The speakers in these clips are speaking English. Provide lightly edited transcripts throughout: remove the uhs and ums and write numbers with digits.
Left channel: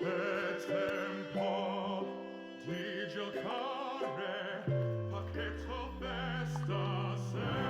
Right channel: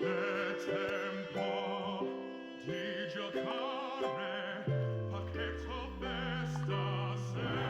È tempo di giocare, pacchetto festa se.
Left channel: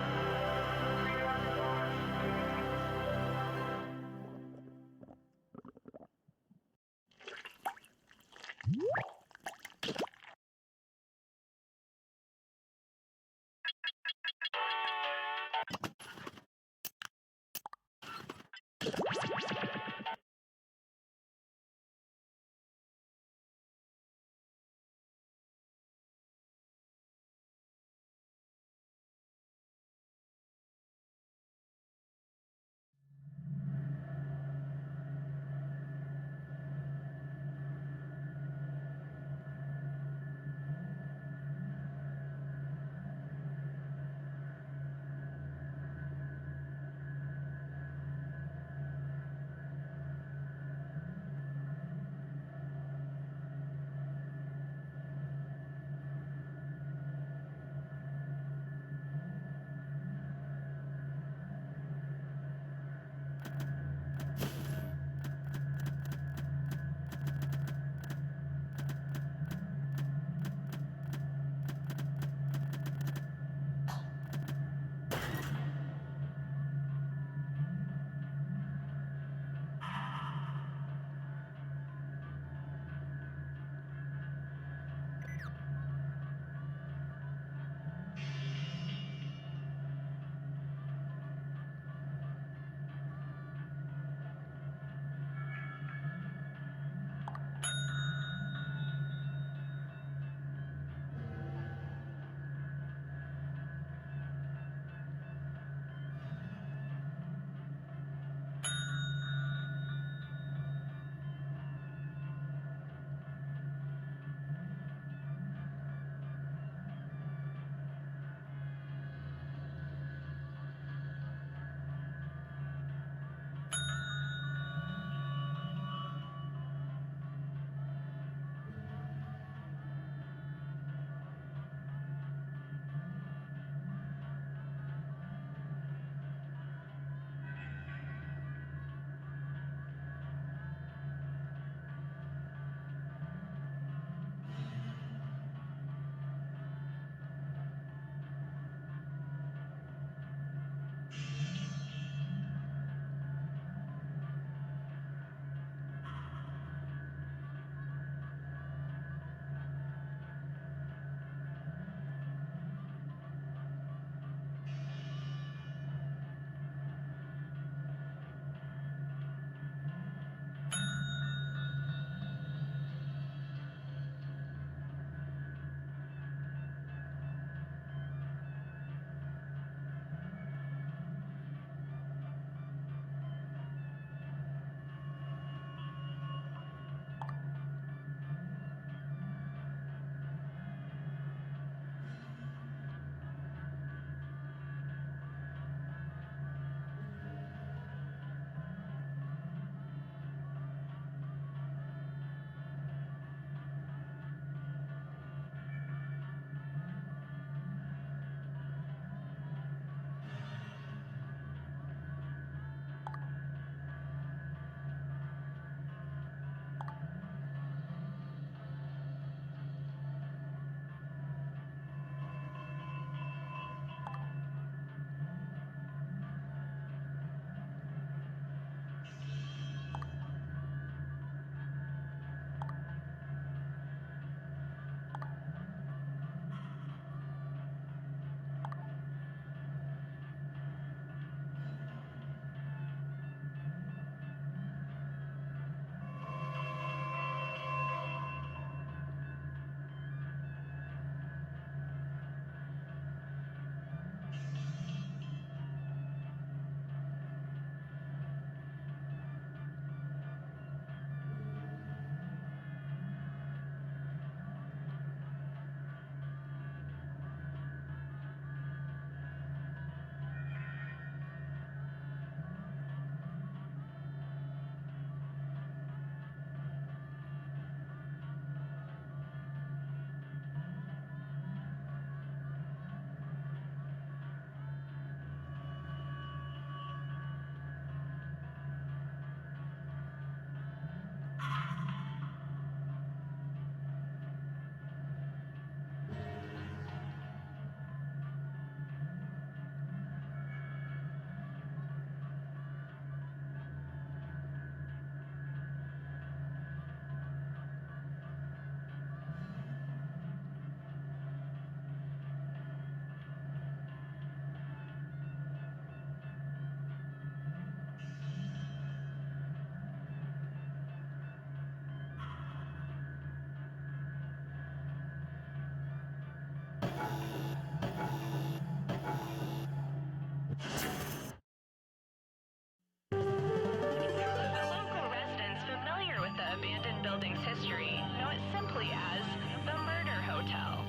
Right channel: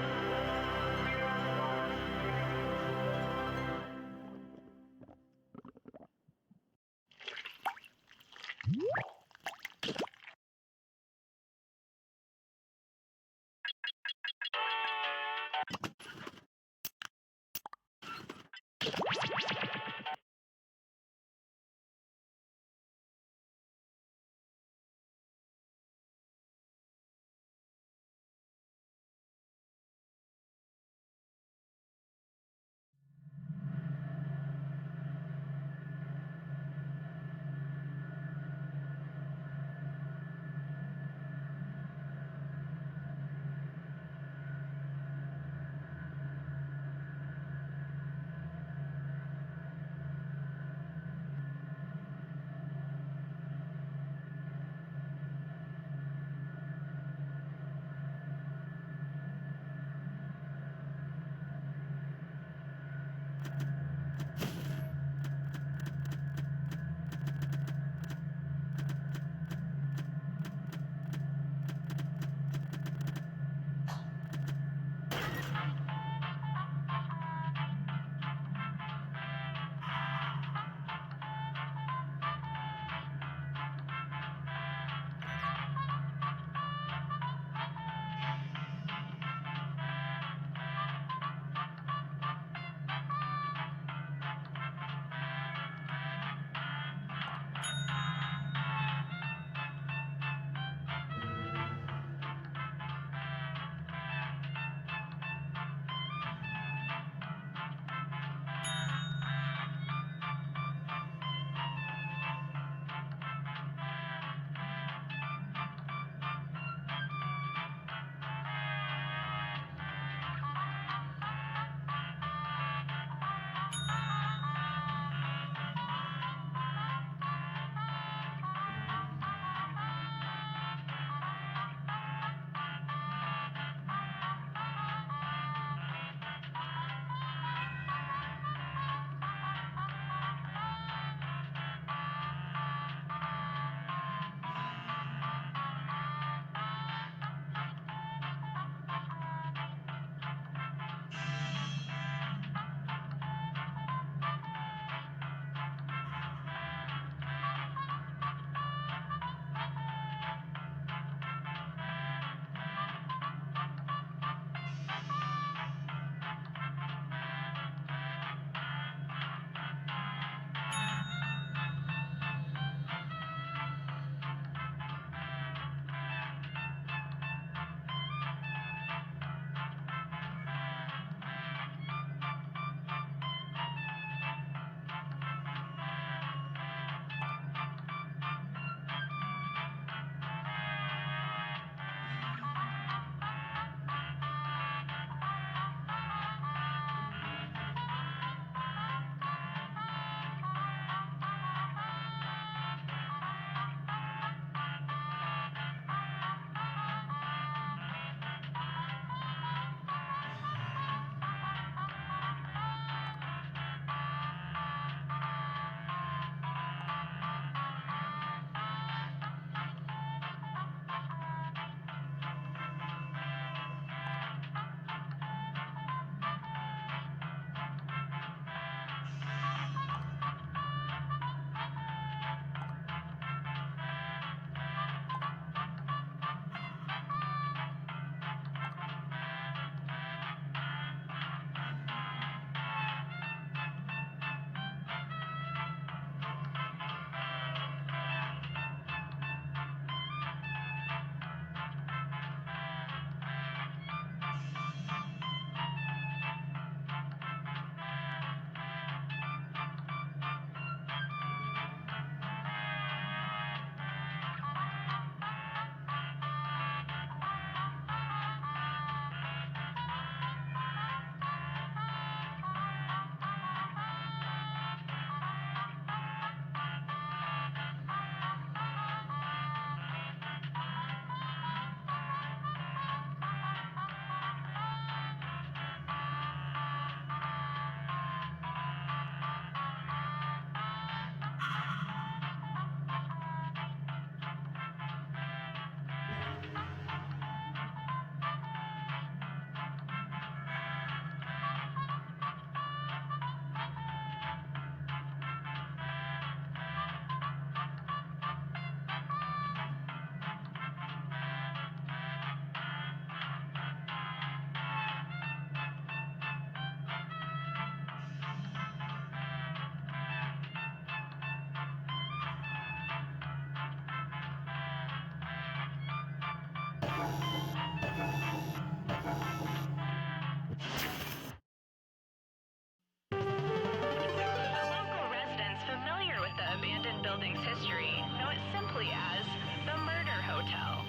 Local residents familiar with the abandoned building's history know it simply as the Murder Hotel.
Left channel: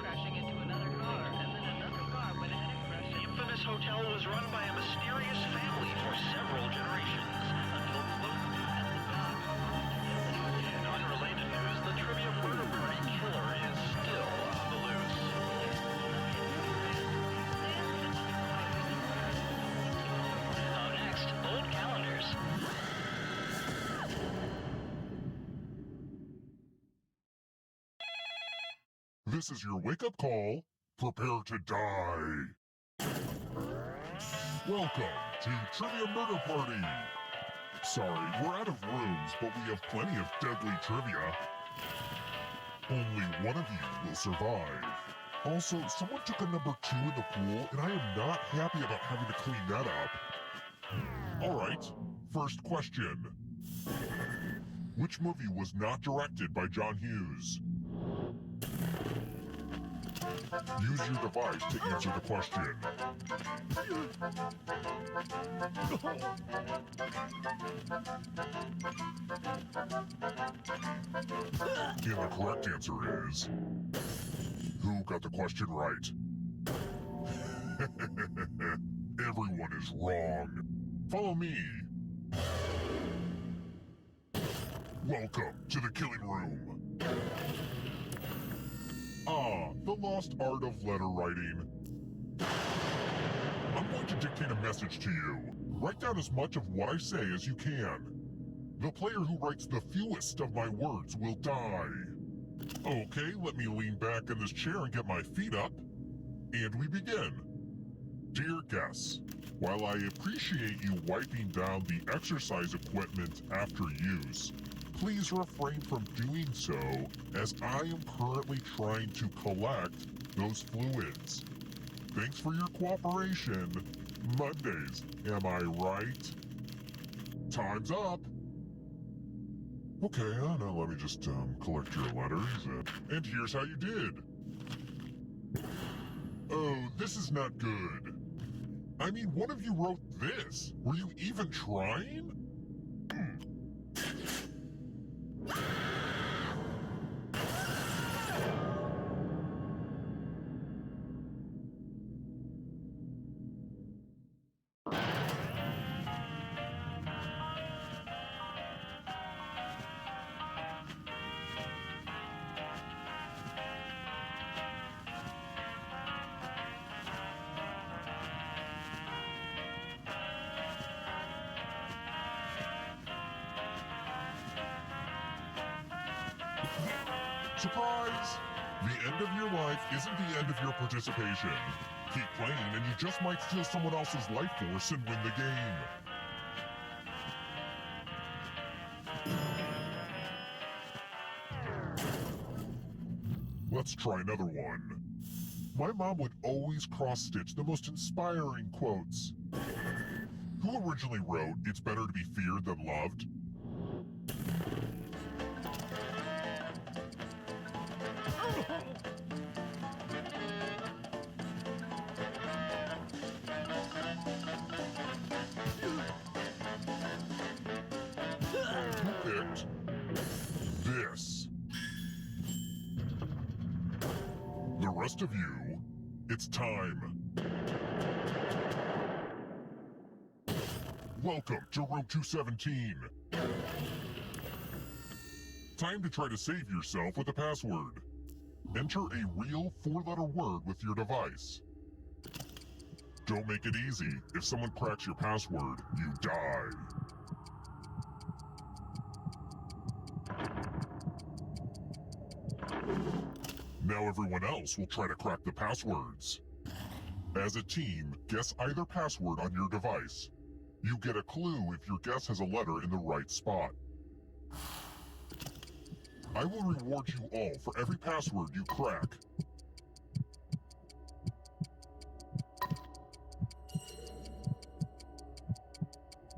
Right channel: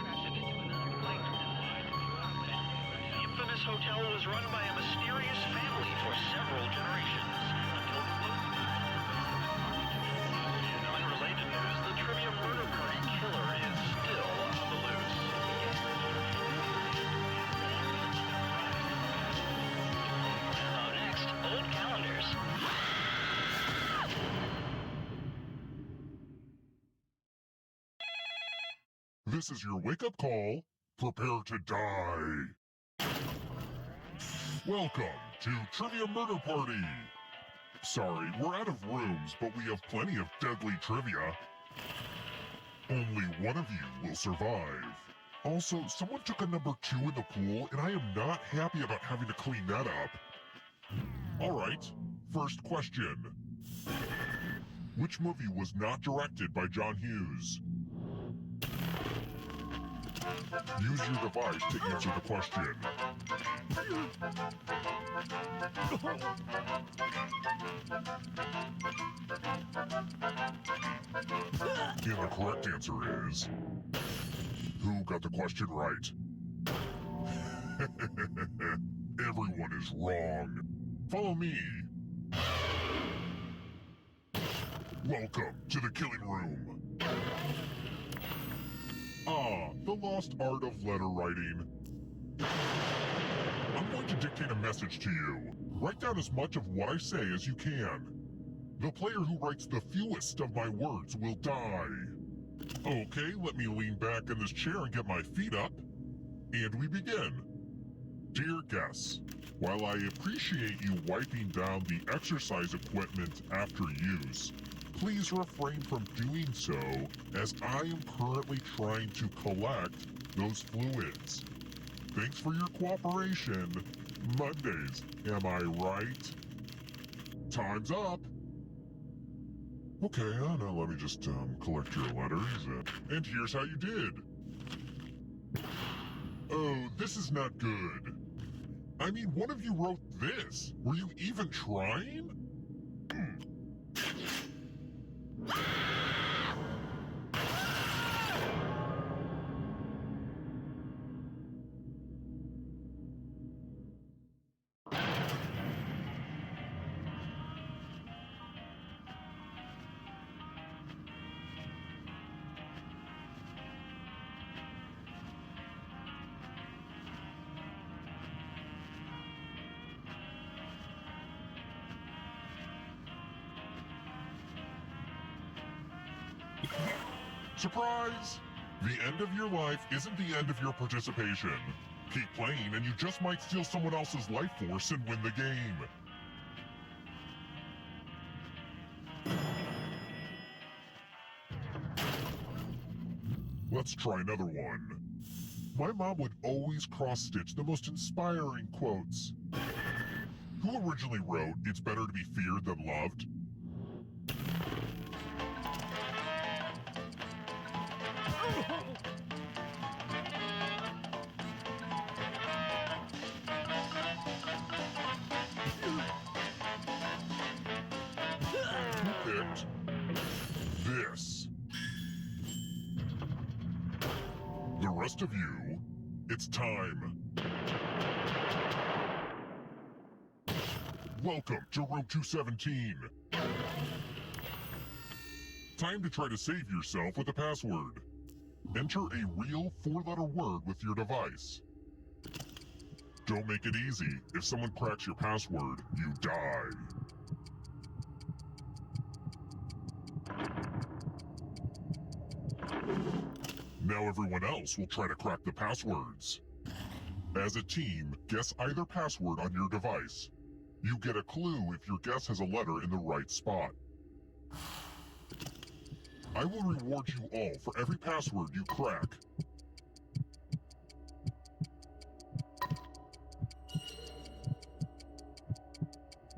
Crashing into another car, and then another car went ahead and crashed. The infamous hotel was run by a mysterious family for several generations until close ties to In unrelated news, the trivia murder party killer is still on the loose. Up next, old calendars. This is your wake-up call. Prepare to die. Welcome to Trivia Murder Party. Sorry, we're out of rooms, but we have plenty of deadly trivia. Only one of you will survive. Also, someone took a number 2 in the pool, and I am not happy about having to clean that up. All right, first question. Which movie was not directed by John Hughes? Use your device to answer the question. And the correct answer is... Who got the question right? Everyone is wrong. Follow me. Welcome to the killing room. Ah, the lost art of letter writing. I'm going to dictate a message to you. Write down as much of what I say as you can. The player who writes the fewest of my words will die. Okay, let me lean back in this chair and get my feet up. And we begin. Dear guests, while I appreciate you wiping down the exercise equipment after use, please refrain from doing so, as I am currently trying to collect those fluids. Thanks for your cooperation. Mondays, am I right? Time's up. Okay, now let me just collect your letters. And here's how you did. Oh, this is not good. I mean, one of you wrote this. Were you even trying? Surprise! The end of your life isn't the end of your participation. Keep playing and you just might steal someone else's life force and win the game. Let's try another one. My mom would always cross-stitch the most inspiring quotes. Who originally wrote, "It's better to be feared than loved"? Who picked this? The rest of you, it's time. Welcome to room 217. Time to try to save yourself with a password. Enter a real 4-letter word with your device. Don't make it easy. If someone cracks your password, you die. Now everyone else will try to crack the passwords. As a team, guess either password on your device. You get a clue if your guess has a letter in the right spot. I will reward you all for every password you crack.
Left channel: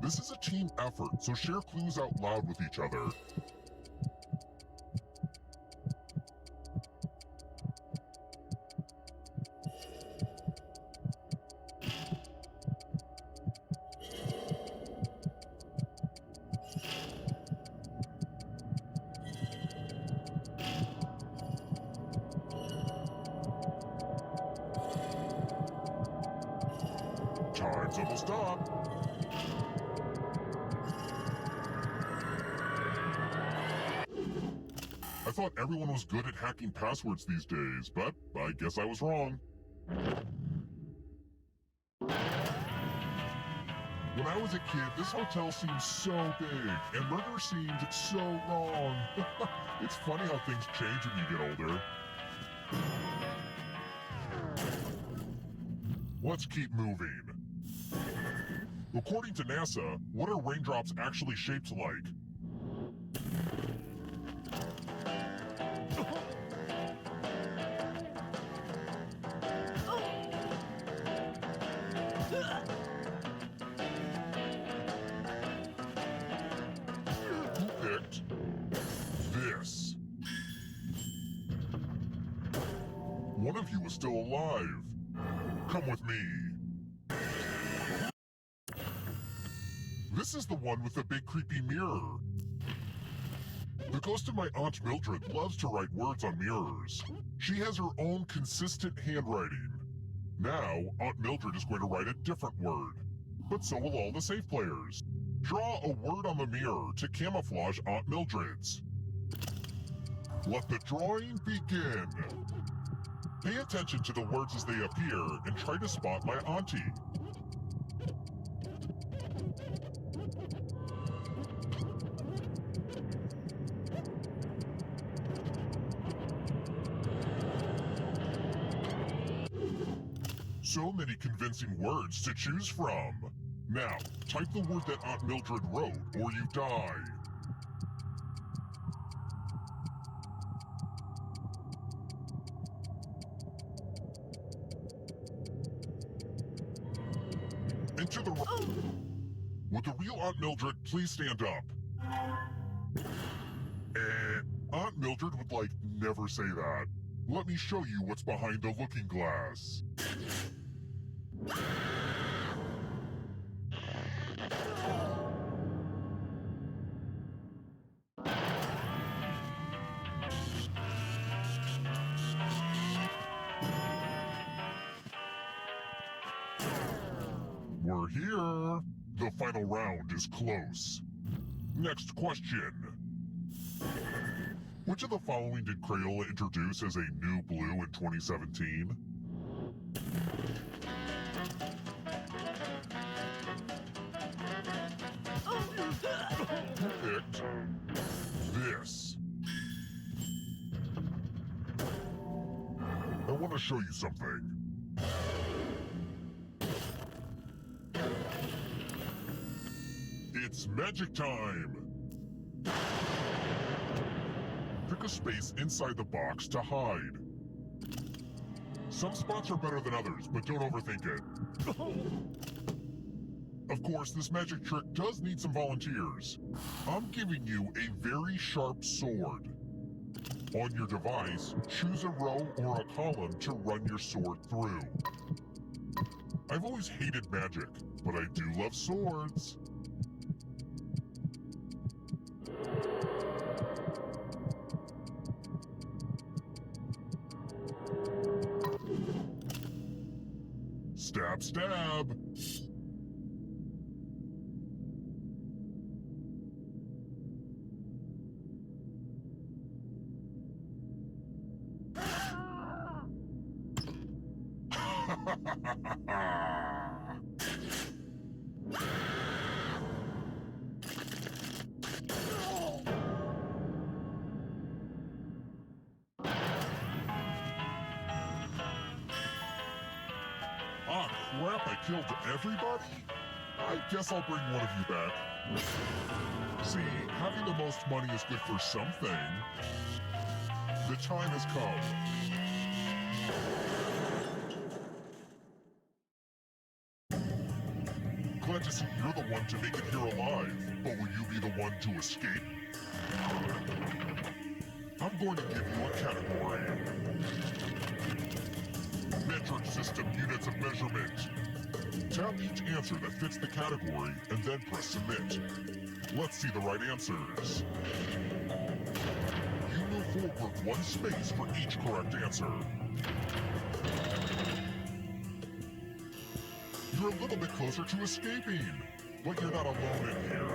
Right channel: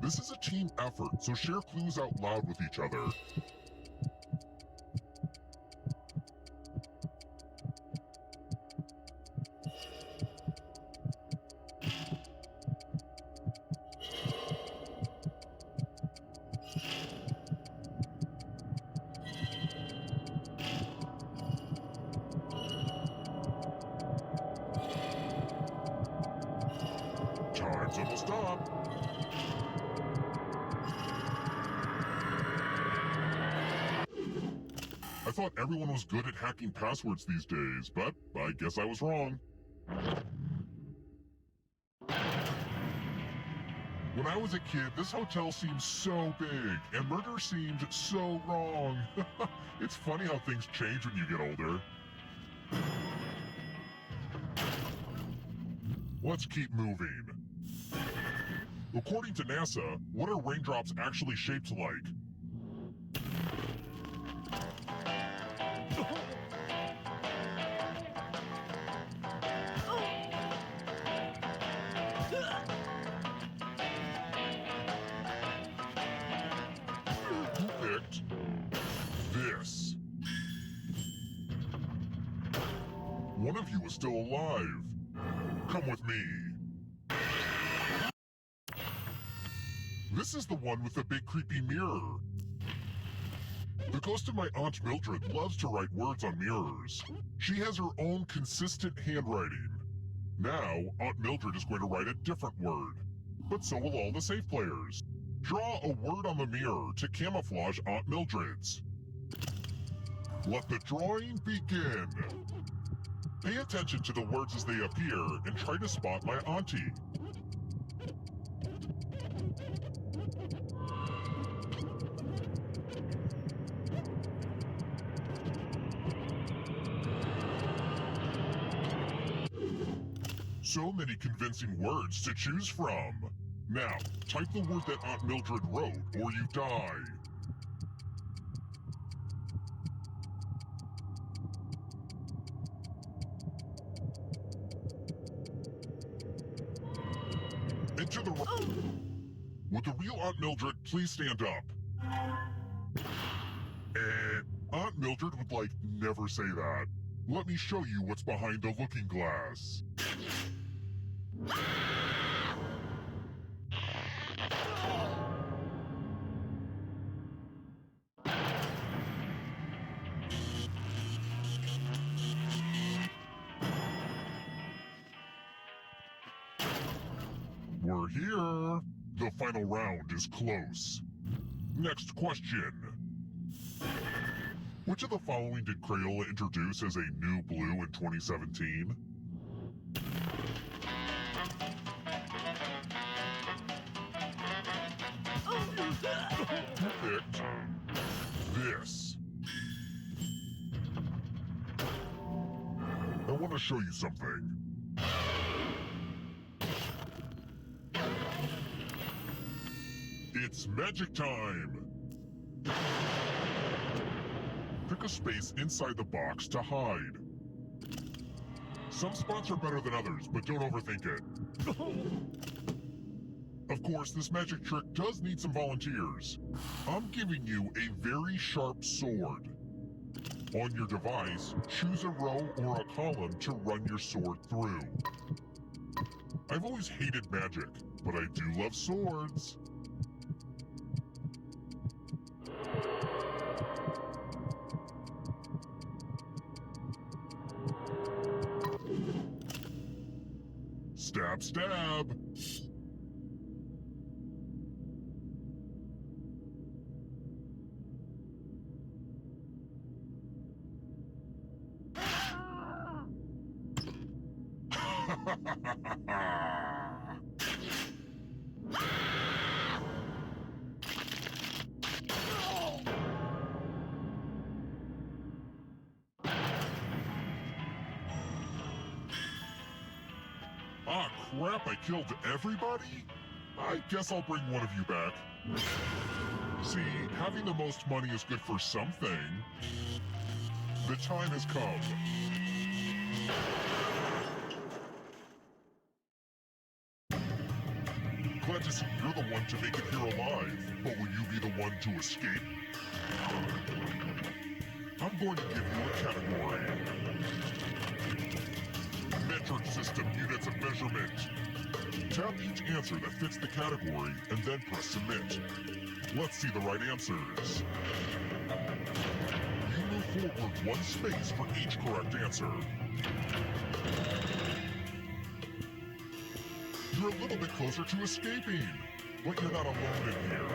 This is a team effort, so share clues out loud with each other. Time's almost up. I thought everyone was good at hacking passwords these days, but I guess I was wrong. When I was a kid, this hotel seemed so big, and murder seemed so wrong. It's funny how things change when you get older. Let's keep moving. According to NASA, what are raindrops actually shaped like? Who picked this? One of you is still alive. Come with me. This is the one with the big creepy mirror. The ghost of my Aunt Mildred loves to write words on mirrors. She has her own consistent handwriting. Now, Aunt Mildred is going to write a different word. But so will all the safe players. Draw a word on the mirror to camouflage Aunt Mildred's. Let the drawing begin. Pay attention to the words as they appear and try to spot my auntie. So many convincing words to choose from. Now, type the word that Aunt Mildred wrote, or you die. Enter the... Would the real Aunt Mildred please stand up? Aunt Mildred would, like, never say that. Let me show you what's behind the looking glass. We're here. The final round is close. Next question. Which of the following did Crayola introduce as a new blue in 2017? Who picked this? I want to show you something. It's magic time! Pick a space inside the box to hide. Some spots are better than others, but don't overthink it. Of course, this magic trick does need some volunteers. I'm giving you a very sharp sword. On your device, choose a row or a column to run your sword through. I've always hated magic, but I do love swords. Stab, stab! Ah, crap, I killed everybody? I guess I'll bring one of you back. See, having the most money is good for something. The time has come. Glad to see you're the one to make it here alive, but will you be the one to escape? I'm going to give you a category. Metric system units of measurement. Tap each answer that fits the category and then press submit. Let's see the right answers. You move forward one space for each correct answer. You're a little bit closer to escaping. But you're not alone in here.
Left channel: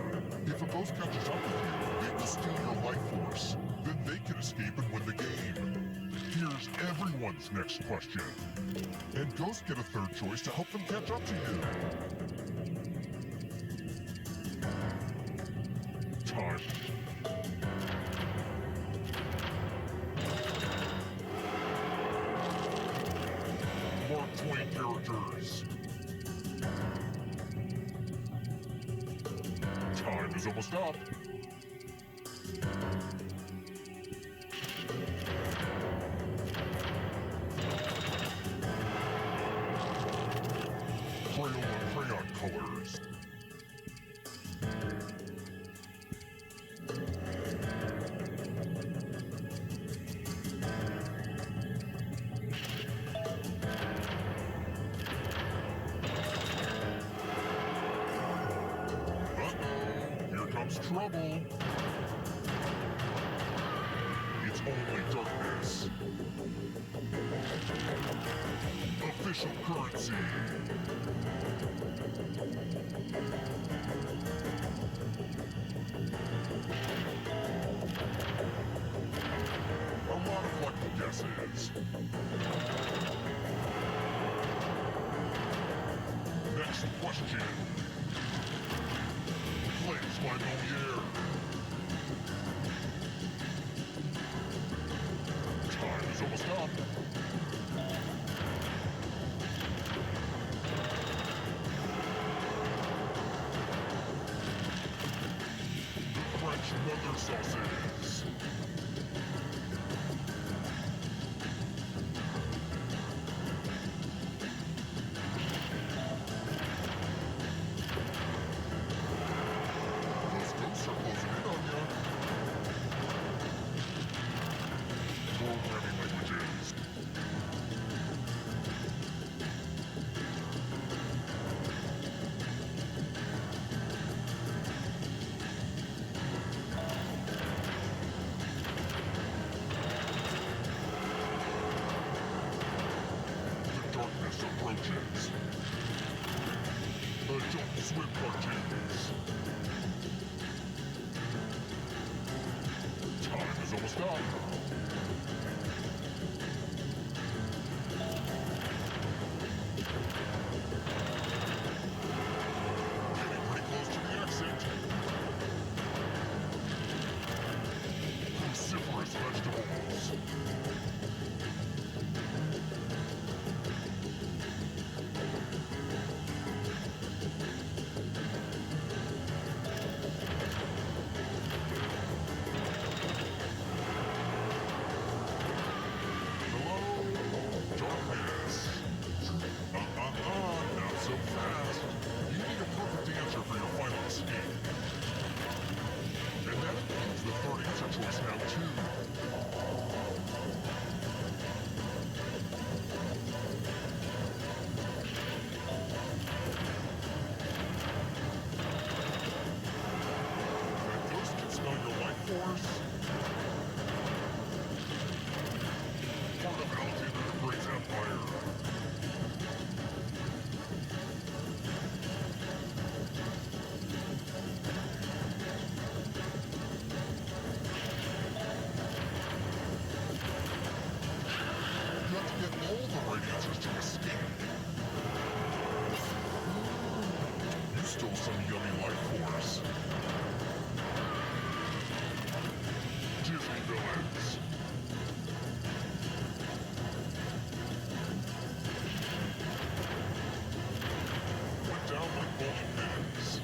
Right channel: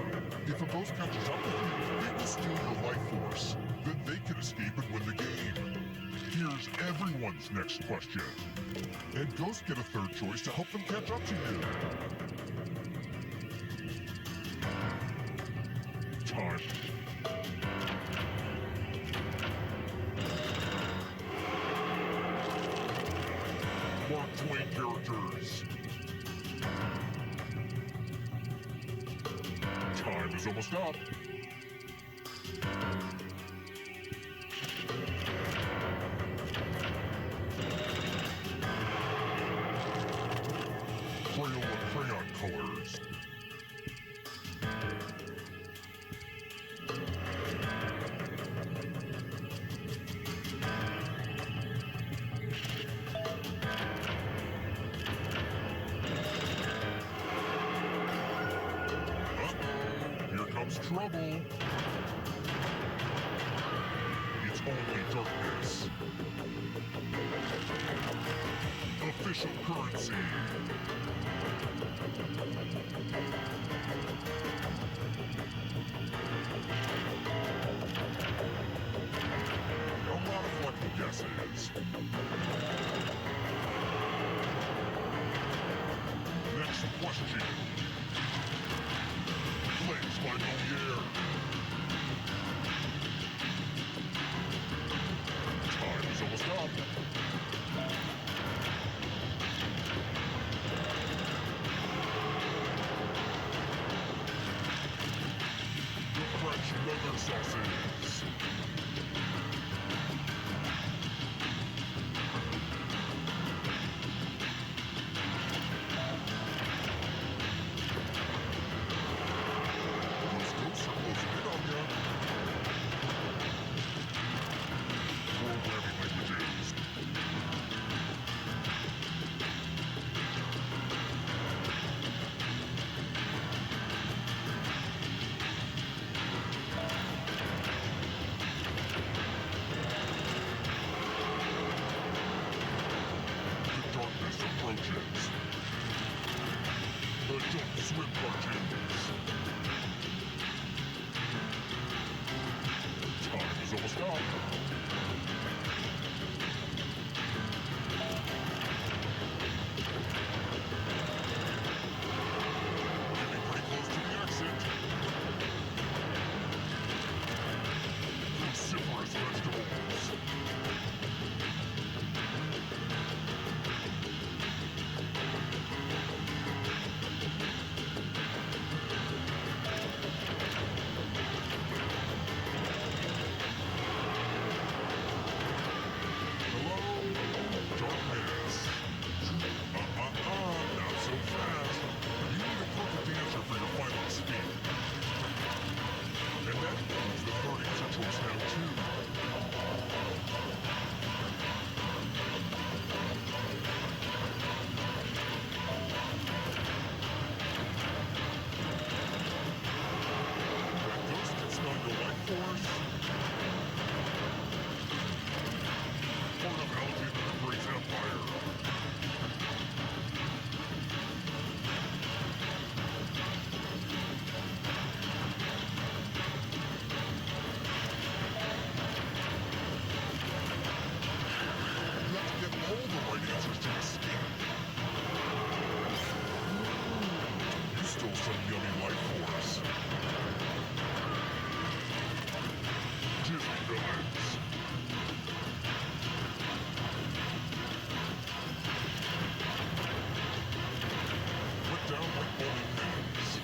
If a ghost catches up with you, they will steal your life force. Then they can escape and win the game. Here's everyone's next question. And ghosts get a third choice to help them catch up to you. Time. Mark Twain characters. Time is almost up. Crayola crayon colors. Uh-oh, here comes trouble. It's only darkness. Official currency. A lot of lucky guesses. Next question. Plays by Moliere. Time is almost up. The French mother sauces. Those ghosts are closing in on ya. Programming languages. The darkness approaches. Adult Swim cartoons. Time is almost up. Getting pretty close to the exit. Cruciferous vegetables. Hello, darkness. Not so fast. You need a perfect answer for your final escape. And that includes the third answer choice now, too. That ghost can smell your life force. Part of Alexander the Great's empire. You have to get all the right answers to escape. You stole some yummy life force. Disney villains. Went down like bowling pins.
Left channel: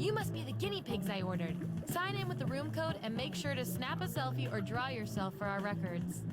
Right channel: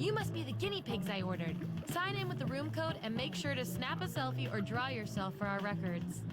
You must be the guinea pigs I ordered. Sign in with the room code and make sure to snap a selfie or draw yourself for our records.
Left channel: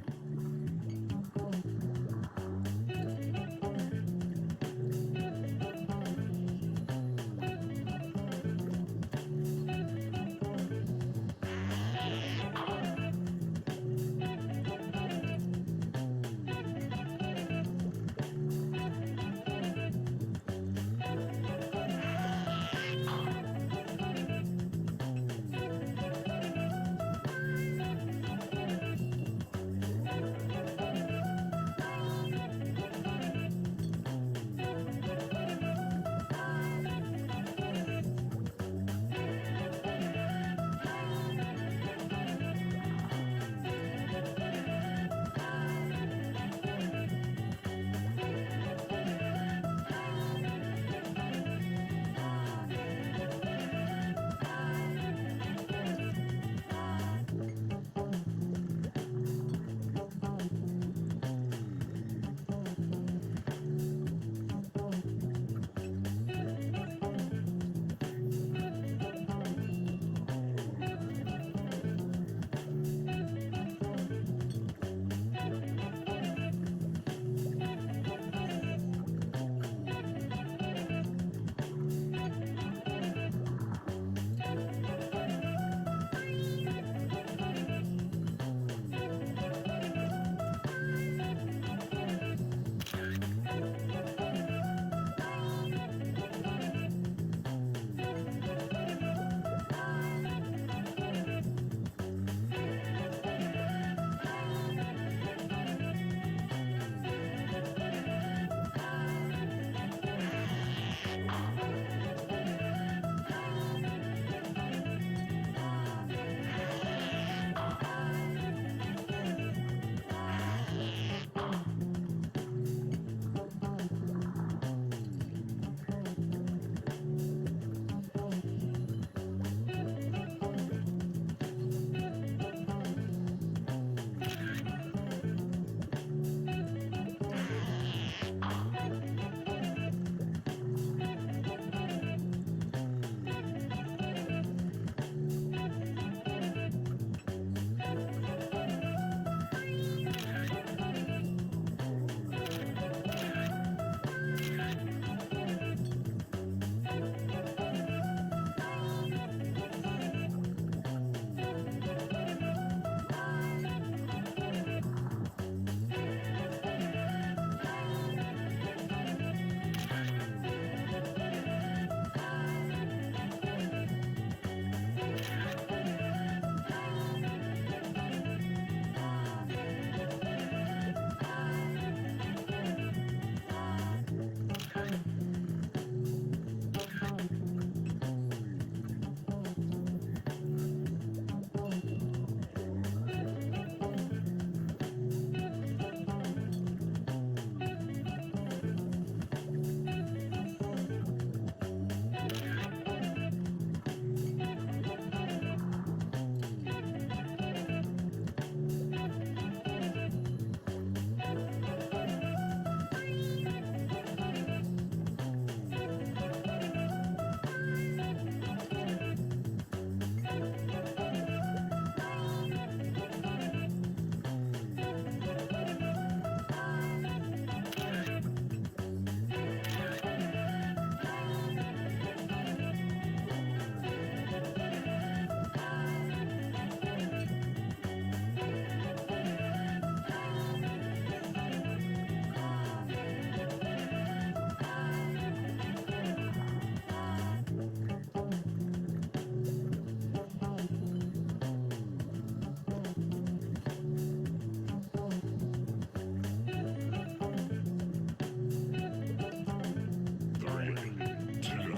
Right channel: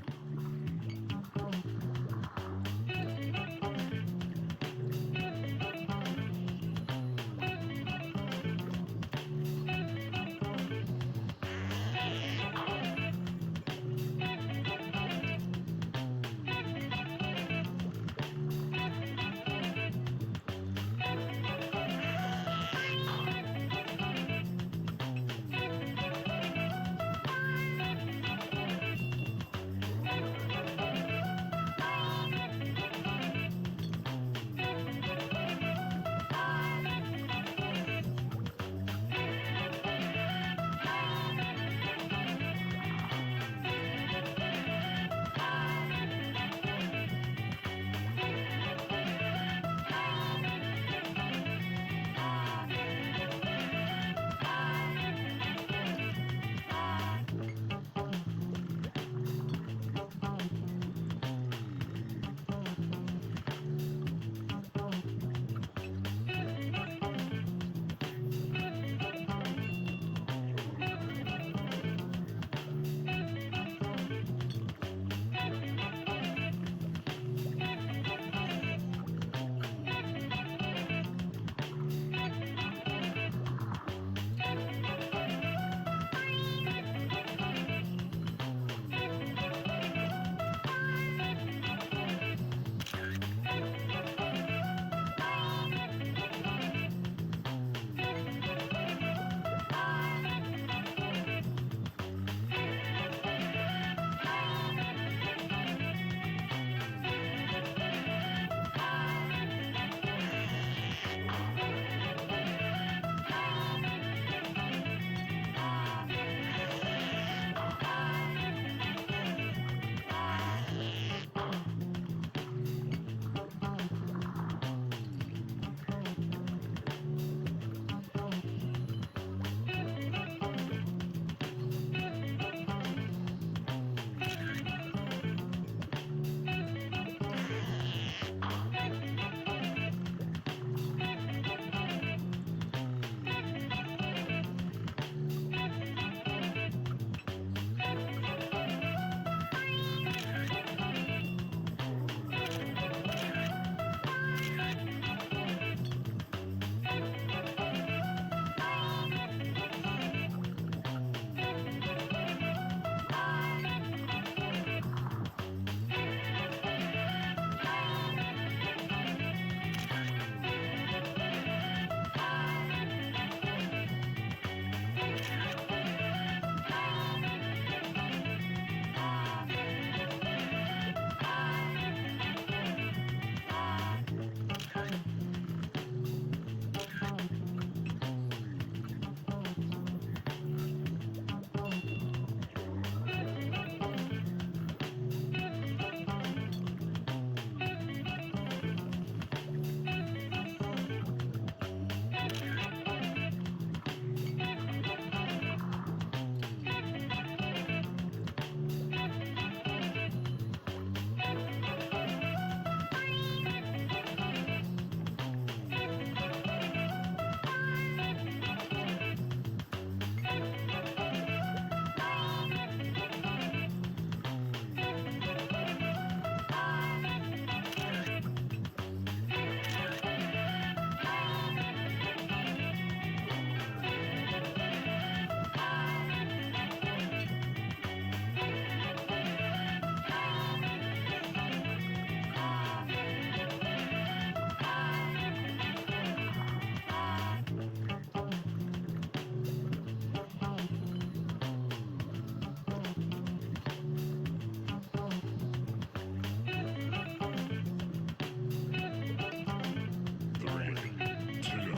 2,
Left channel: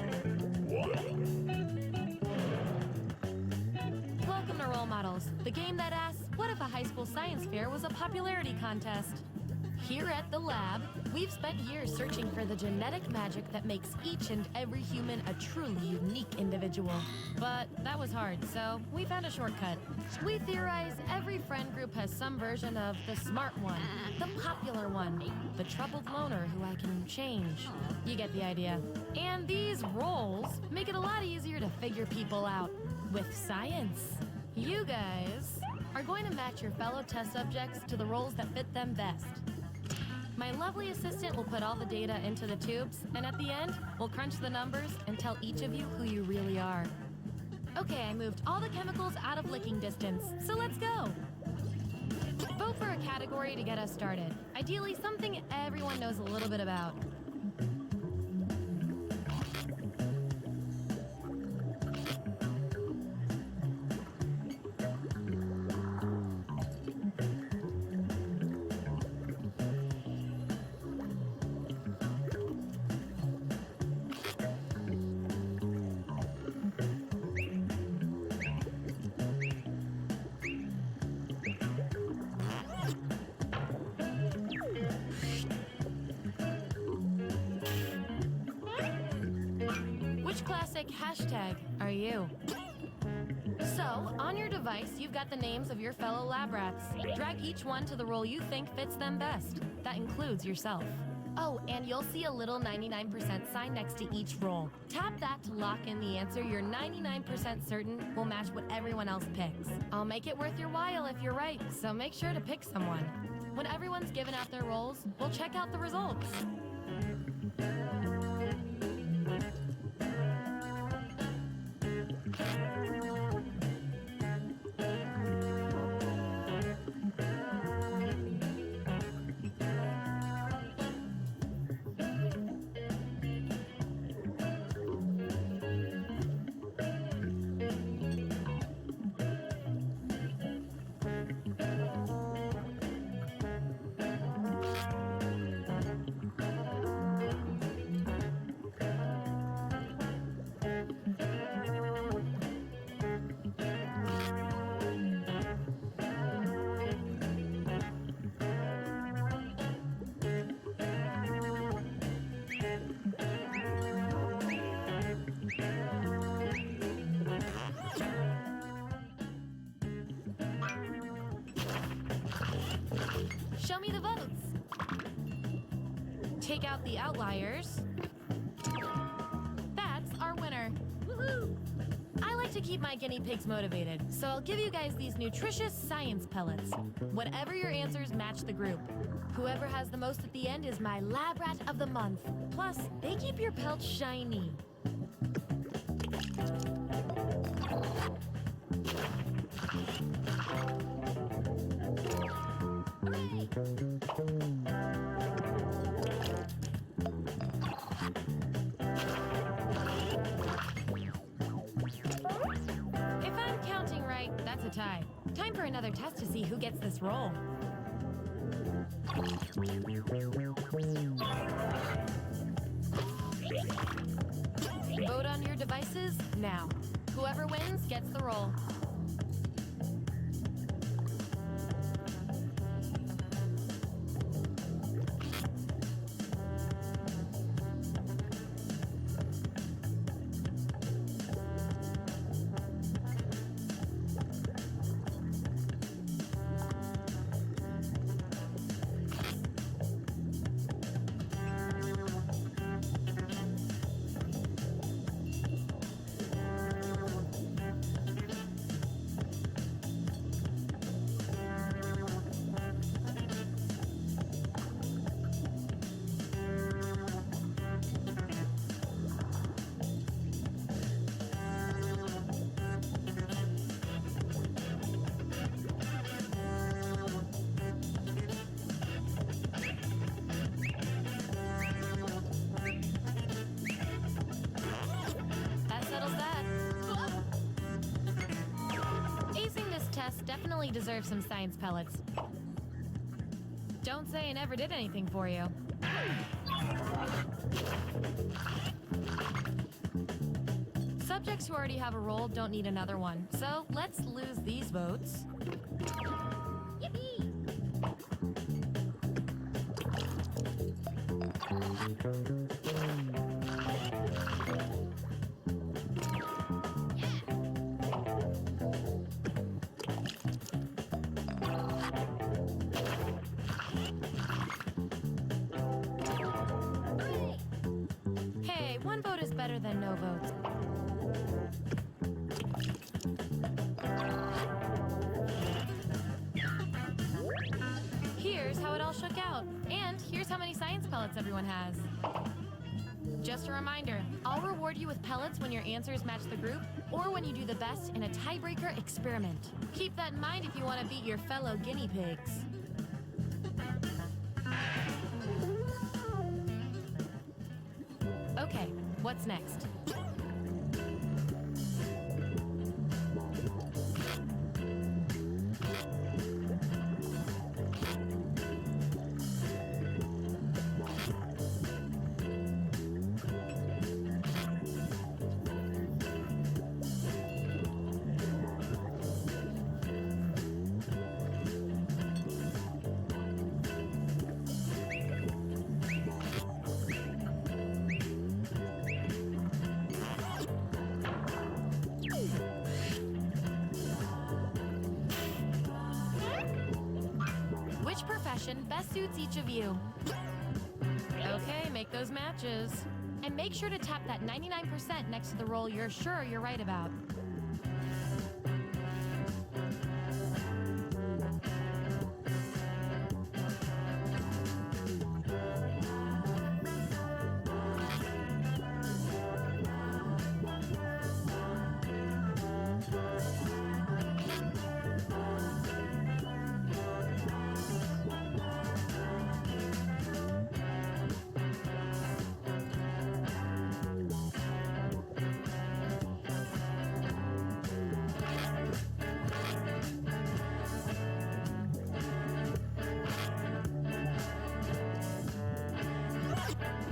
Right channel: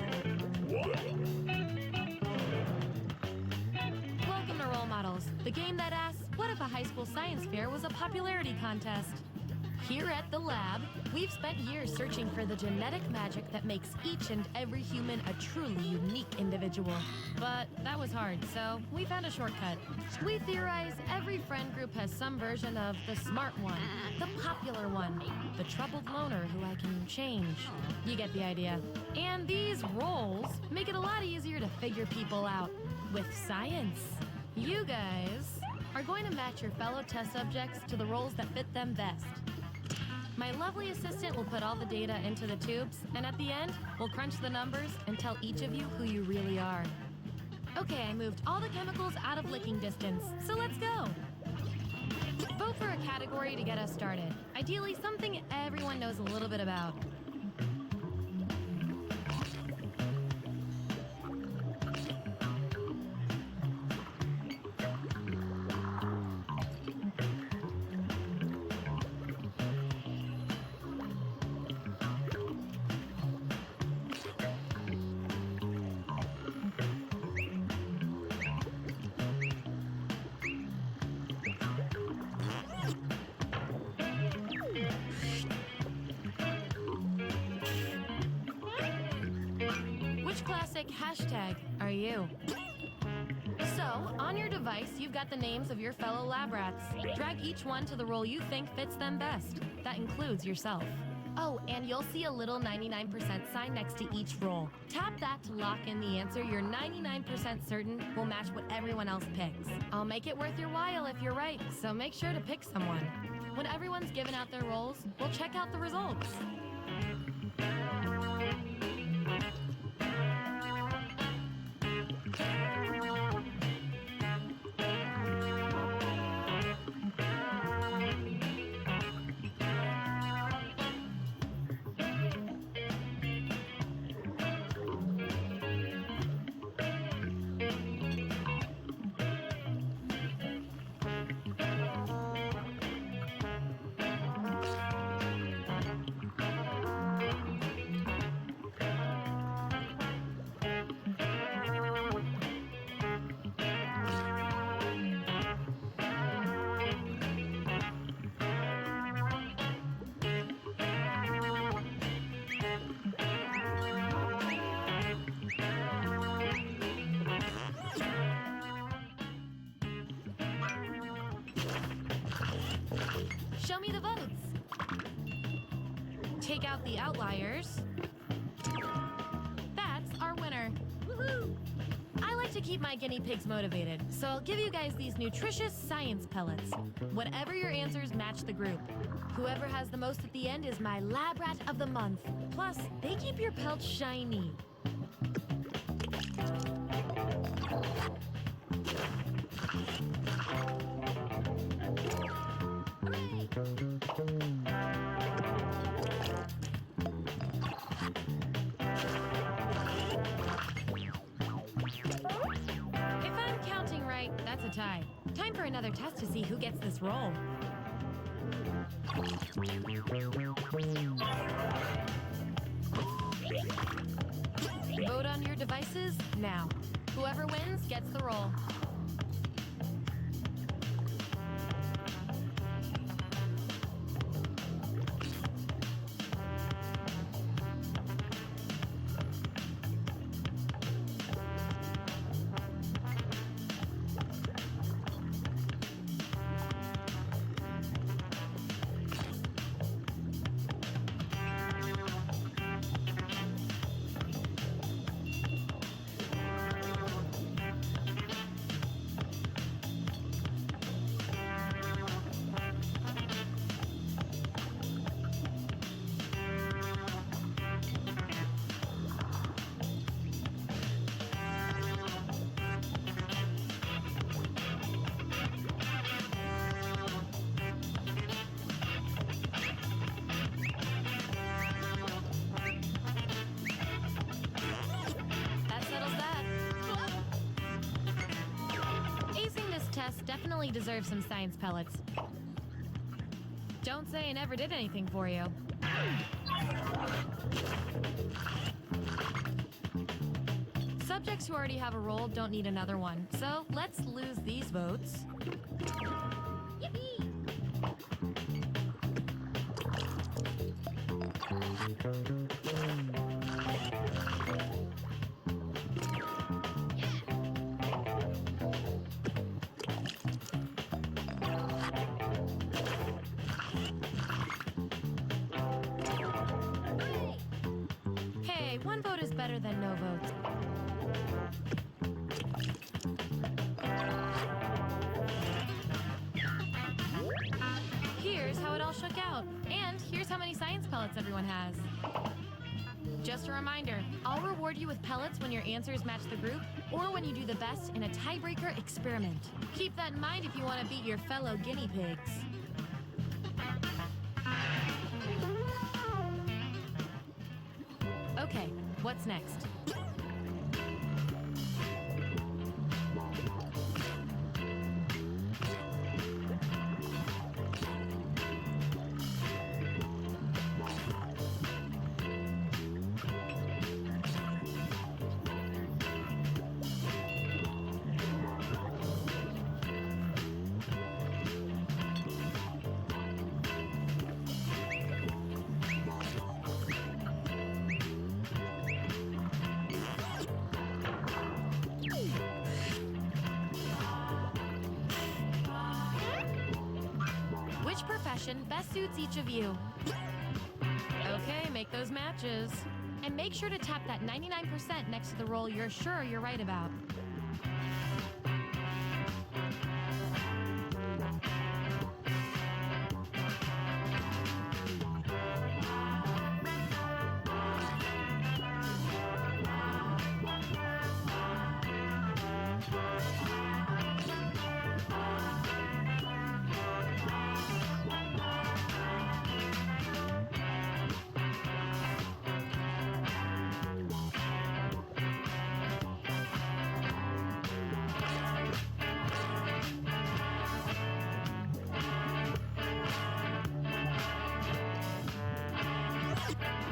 1. Welcome to Role Models, the game that asks, what if a high school science fair was a popularity contest? Here at the lab, we've spent years searching for the genetic magic that makes each and every human a truly unique individual. But that was hard, so we found a shortcut. We theorize every friend group has some version of the smart one, the popular one, the troubled loner who I can change. You get the idea. And these roles make it a lot easier to figure people out with science. You guys are going to match your fellow test subjects to the roles that fit them best. My lovely assistant will put all the data into the tubes, and at the end, we'll crunch the numbers and tell each of you who you really are. Okay, I moved all the chemicals out of licking distance, so let's go. Vote for a category to get us started. Ideally, something everyone knows a little bit about. Which classic hashtag are you? So, on your device, you've got the names of your fellow lab rats. Drag each one to the role you think fits them best. That includes yourself. Oh, and you'll see a little 99% sign next to each role. Tap that to lock in the answer you're 99% certain will match what everyone else picks. I'll make it worth your while if you're right, so make sure to pick someone. When everyone's given out their roles, we'll check out the results. Show me the votes. Take out the outliers. That's our winner. Woohoo! I like to keep my guinea pigs motivated, so I'll give you guys these nutritious science pellets. Whatever your answers match the group. Whoever has the most at the end is my lab rat of the month. Plus, they keep your pelts shiny. Hooray! If I'm counting right, that's a tie. Time for another test to see who gets this role. Vote on your devices now. Whoever wins gets the role. That settles that. Acing this test definitely deserves some science pellets. Don't say I never did anything for you. Subjects who already have a role don't need another one, so let's lose these votes. Yippee! Hey, one vote is better than no votes. Here's how it all shook out. And here's how many science pellets everyone has. Just a reminder, I'll reward you with pellets when your answers match the group or when you do the best in a tiebreaker experiment. Keep that in mind if you want to beat your fellow guinea pigs. Okay, what's next? Which profession best suits each of you? Okay, make those matches. And make sure to tap that 99% next to the role you're sure you're right about.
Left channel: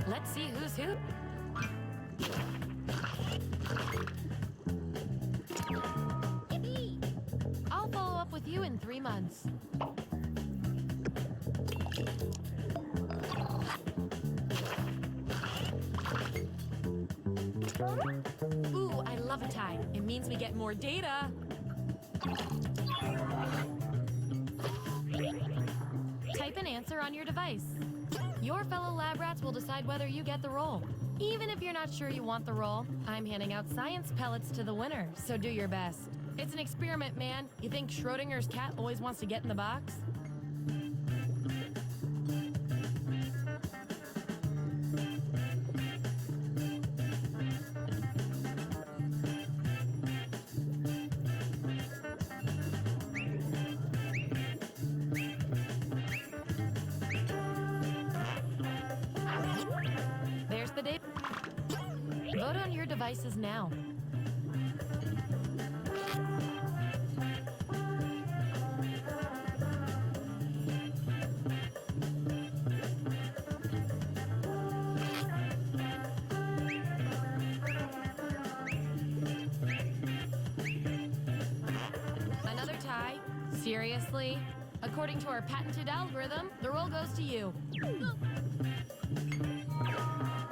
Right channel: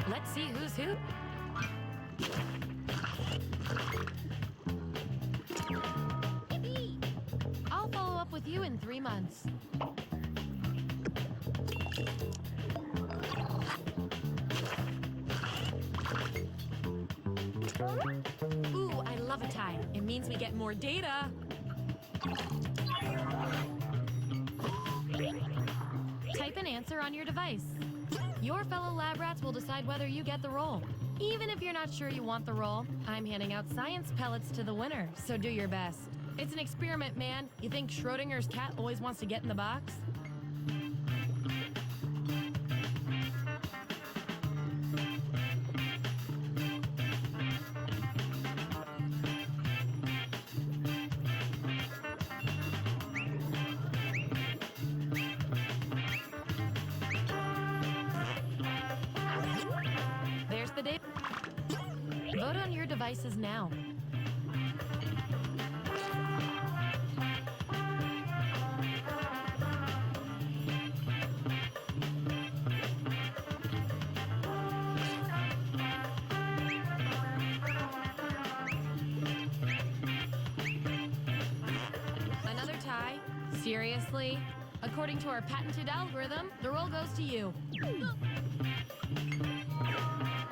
Let's see who's who. Yippee! I'll follow up with you in 3 months. Ooh, I love a tie. It means we get more data. Type an answer on your device. Your fellow lab rats will decide whether you get the role. Even if you're not sure you want the role, I'm handing out science pellets to the winner, so do your best. It's an experiment, man. You think Schrodinger's cat always wants to get in the box? There's the date. Vote on your devices now. Another tie? Seriously? According to our patented algorithm, the roll goes to you.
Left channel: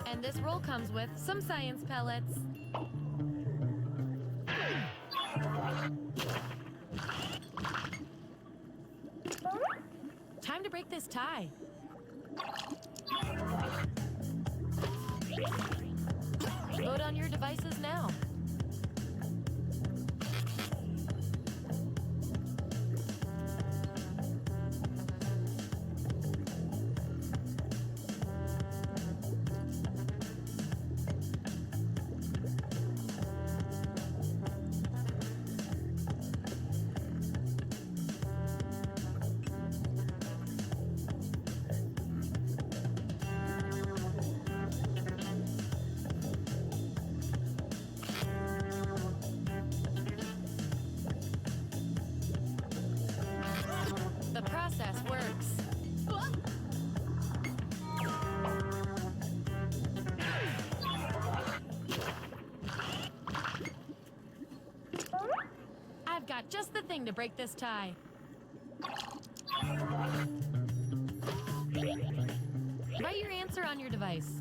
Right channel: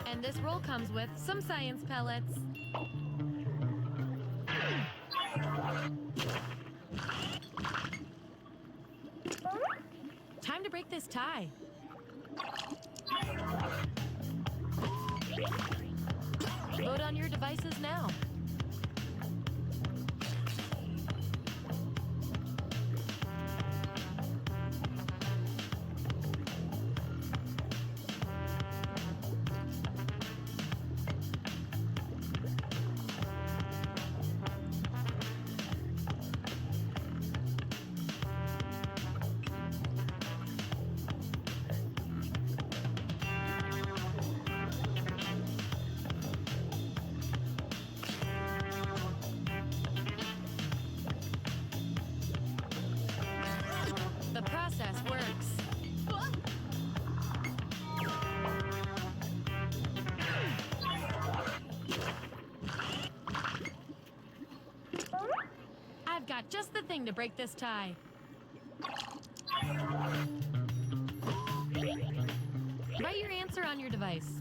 And this roll comes with some science pellets. Time to break this tie. Vote on your devices now. The process works. I've got just the thing to break this tie. Write your answer on your device.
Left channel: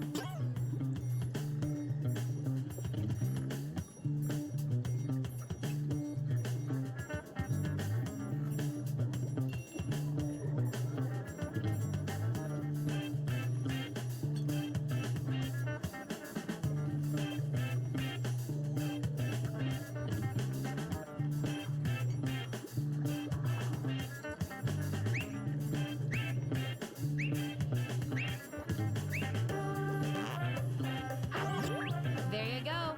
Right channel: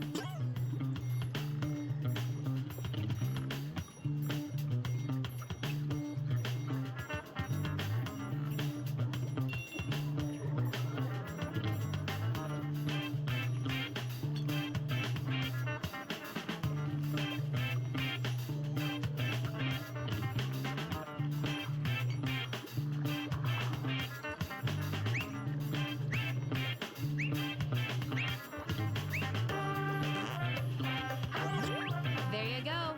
There you go.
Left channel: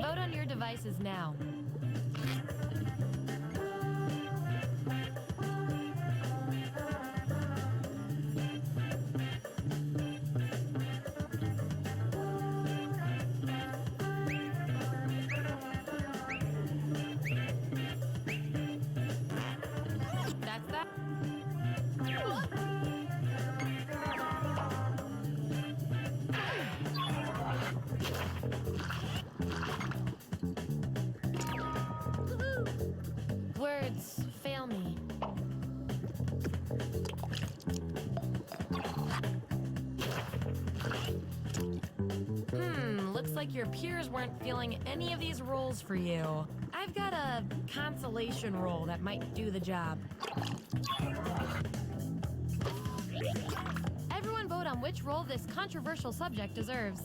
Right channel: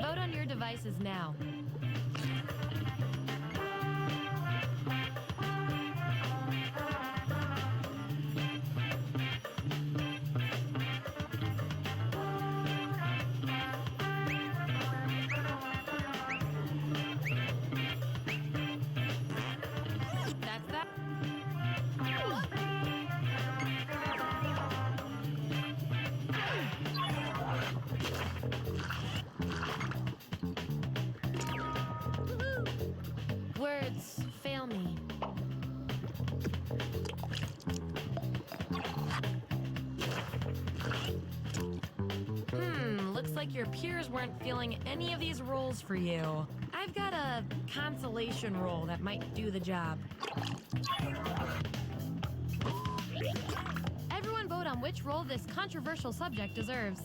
Vote on your devices now. That's that. Words fail me. Looks like your peers weren't feeling any of these roles for you. I've got a consolation role that might do the job. Everyone vote on which role this controversial subject deserves.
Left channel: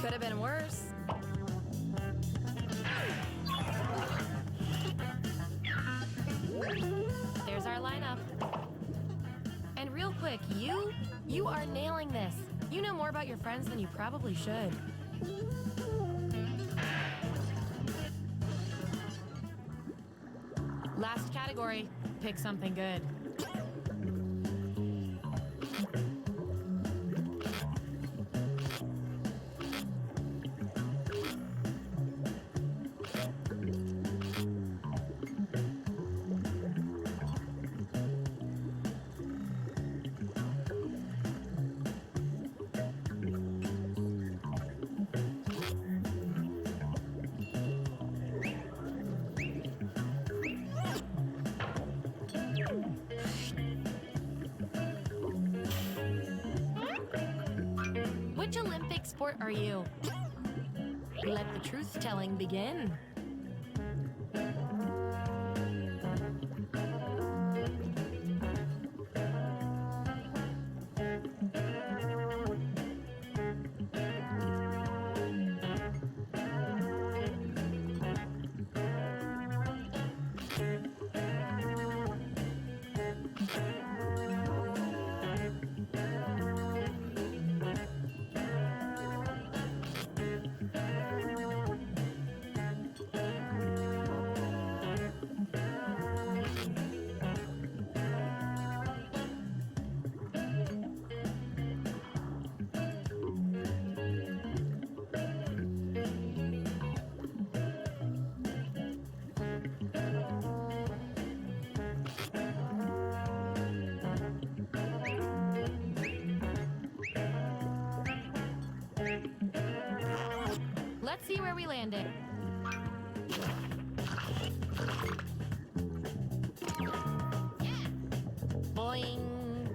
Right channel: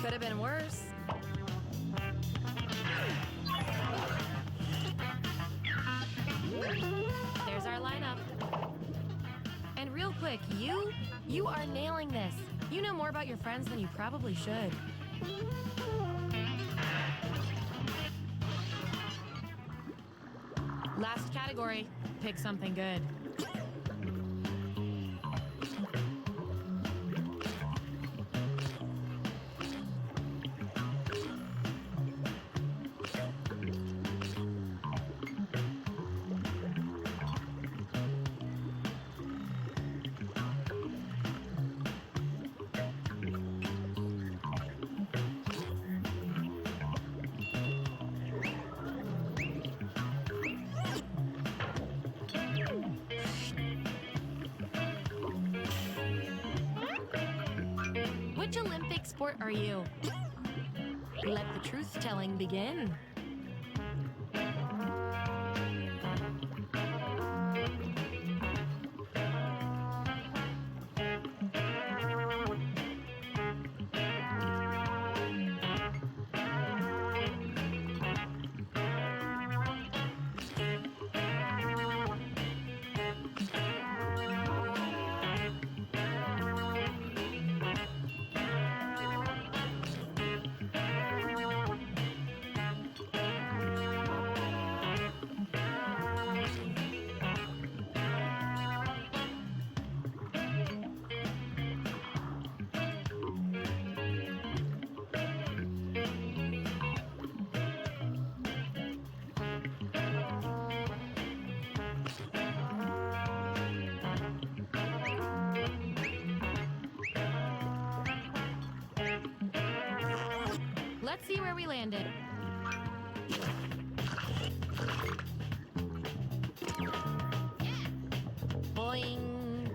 Could have been worse. There's our lineup. And real quick, you are nailing this. You know more about your friends than you probably should. Last category, pick something good. Which Olympic sport are you? Let the truth-telling begin. Let's see where we landed. Yeah. Boing.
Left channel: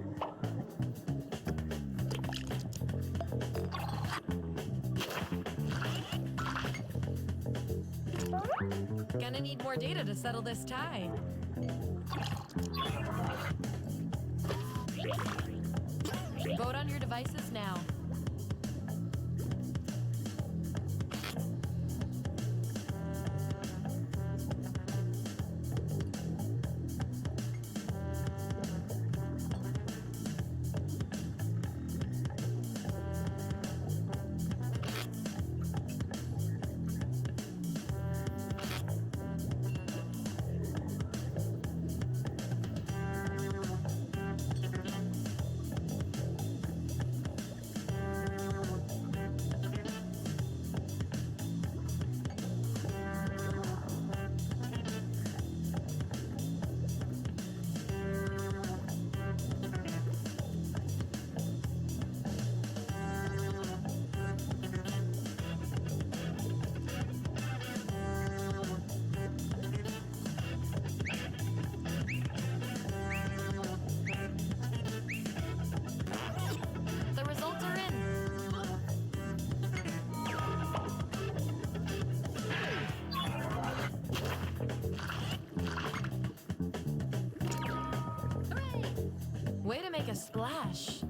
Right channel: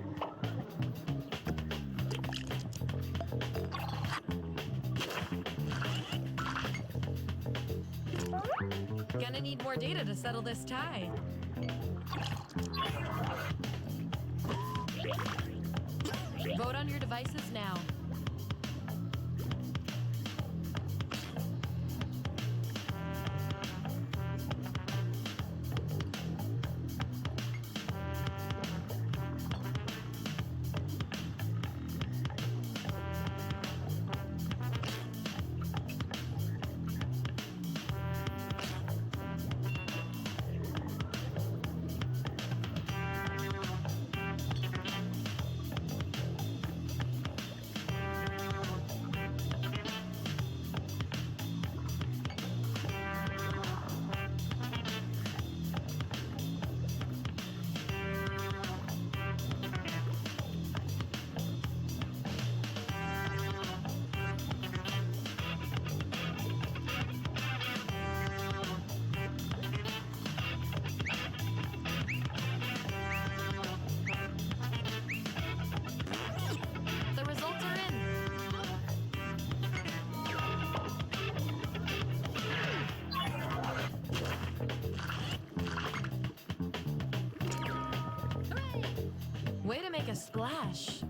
Gonna need more data to settle this tie. Vote on your devices now. the results are in. Hooray! Way to make a splash.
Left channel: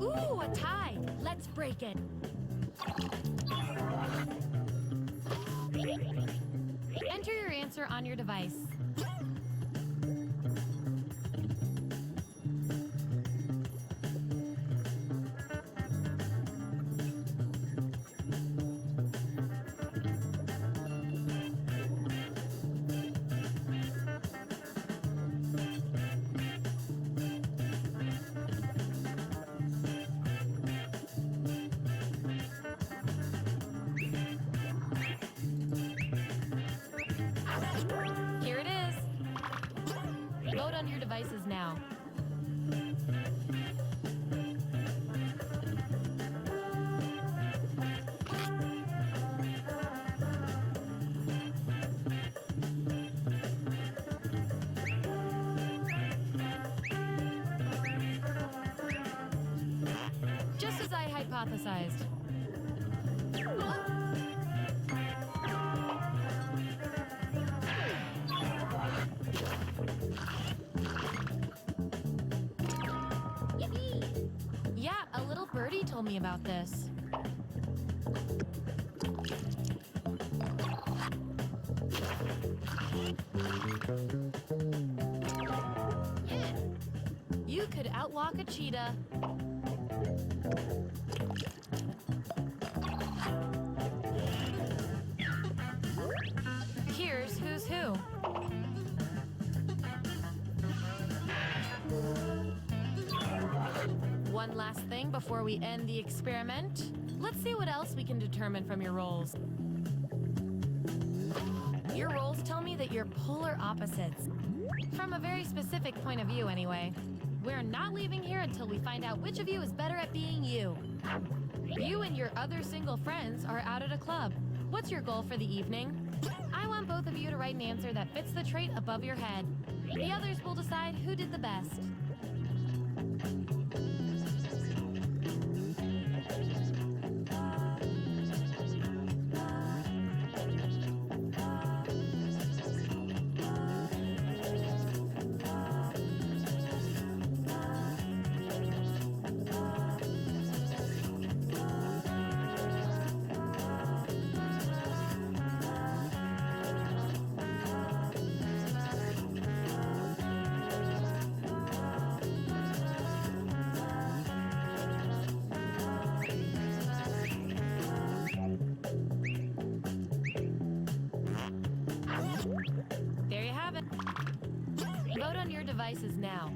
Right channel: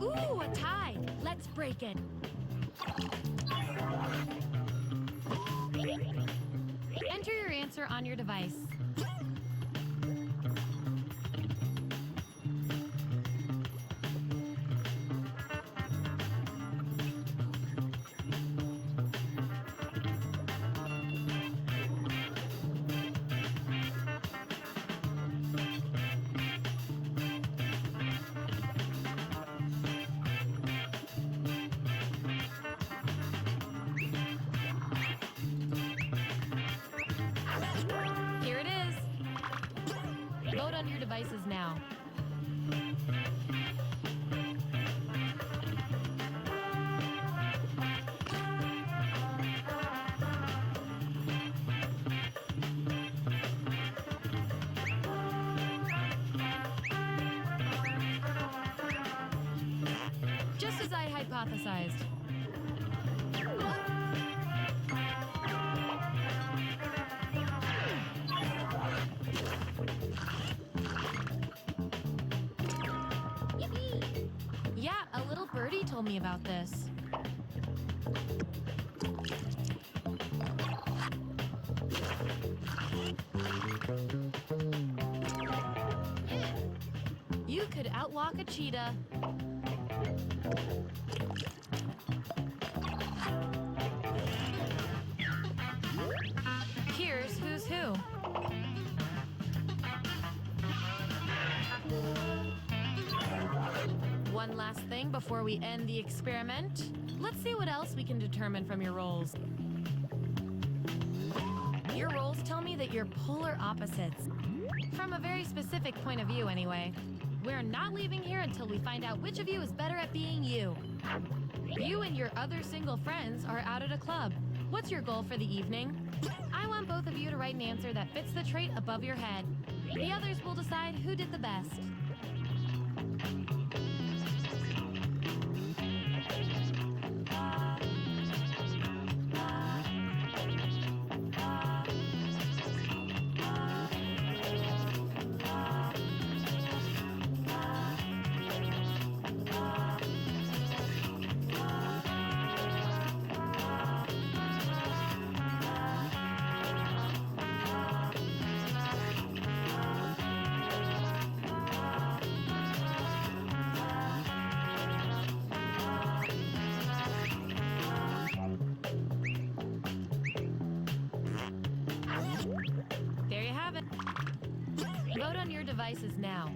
Ooh, a tie. Let's break it. Enter your answer on your device. Here it is. Vote on your devices now. Just as I hypothesized. Yippee! Yeah, a little birdie told me about this. Yeah. You could outwalk a cheetah. Here's who's who. One last thing before we end the experiment. Let's see what else we can determine from your rolls. Your rolls tell me that you're polar opposites. From a very specific point of view, anyway. We're not leaving here until we find out which of you is better at being you. You and your other single friends are out at a club. What's your goal for the evening? I want both of you to write an answer that fits the trait above your head. The others will decide who did the best. There you have it. Vote on your devices now.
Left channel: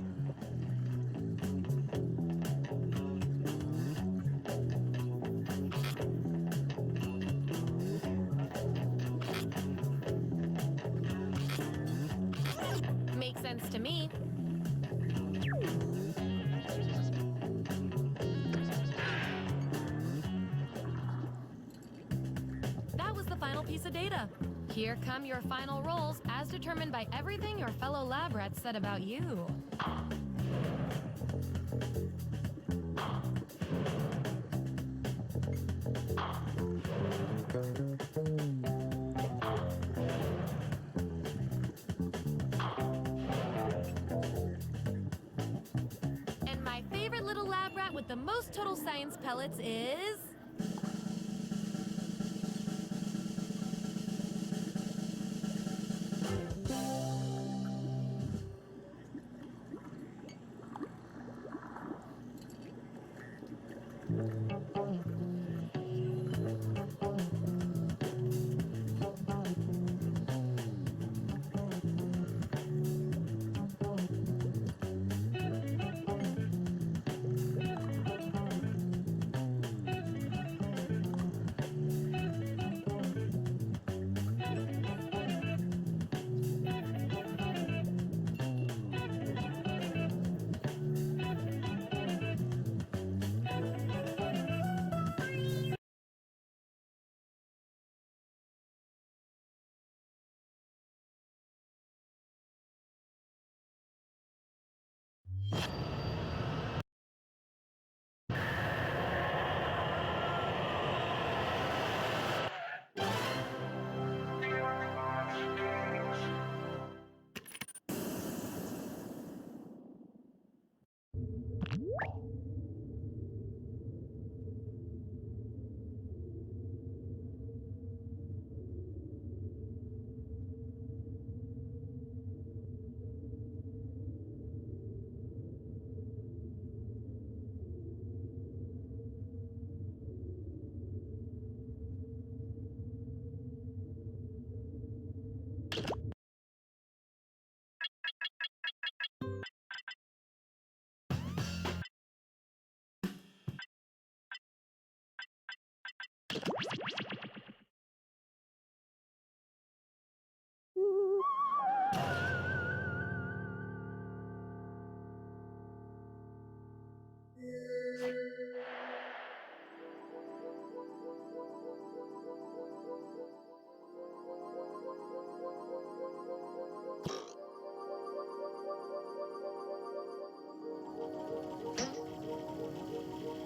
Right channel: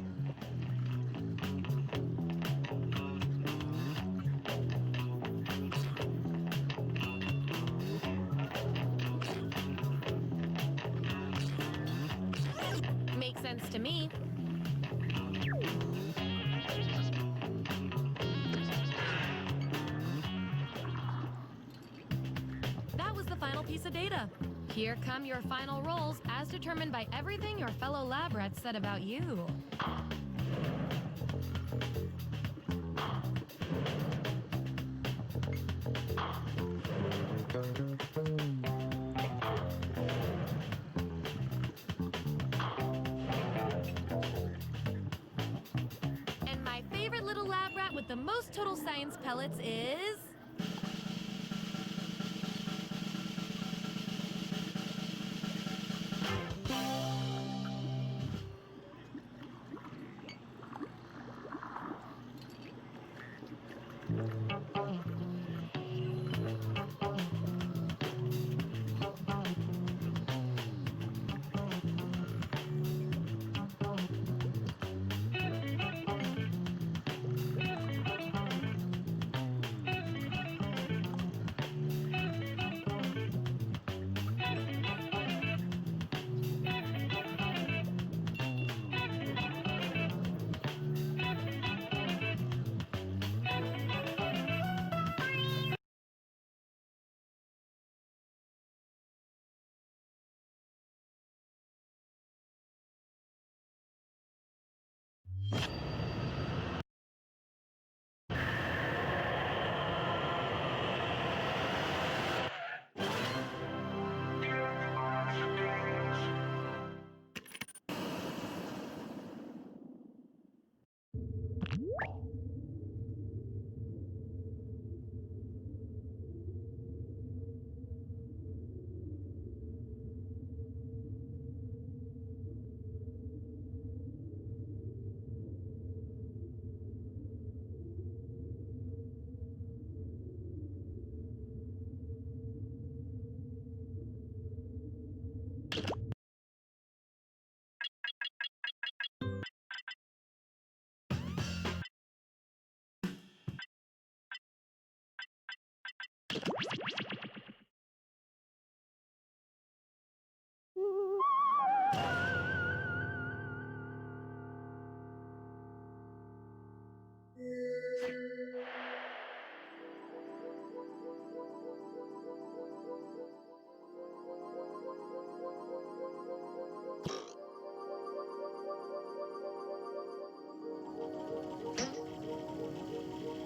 Makes sense to me. That was the final piece of data. Here come your final rolls as determined by everything your fellow lab rats said about you. And my favorite little lab rat with the most total science pellets is...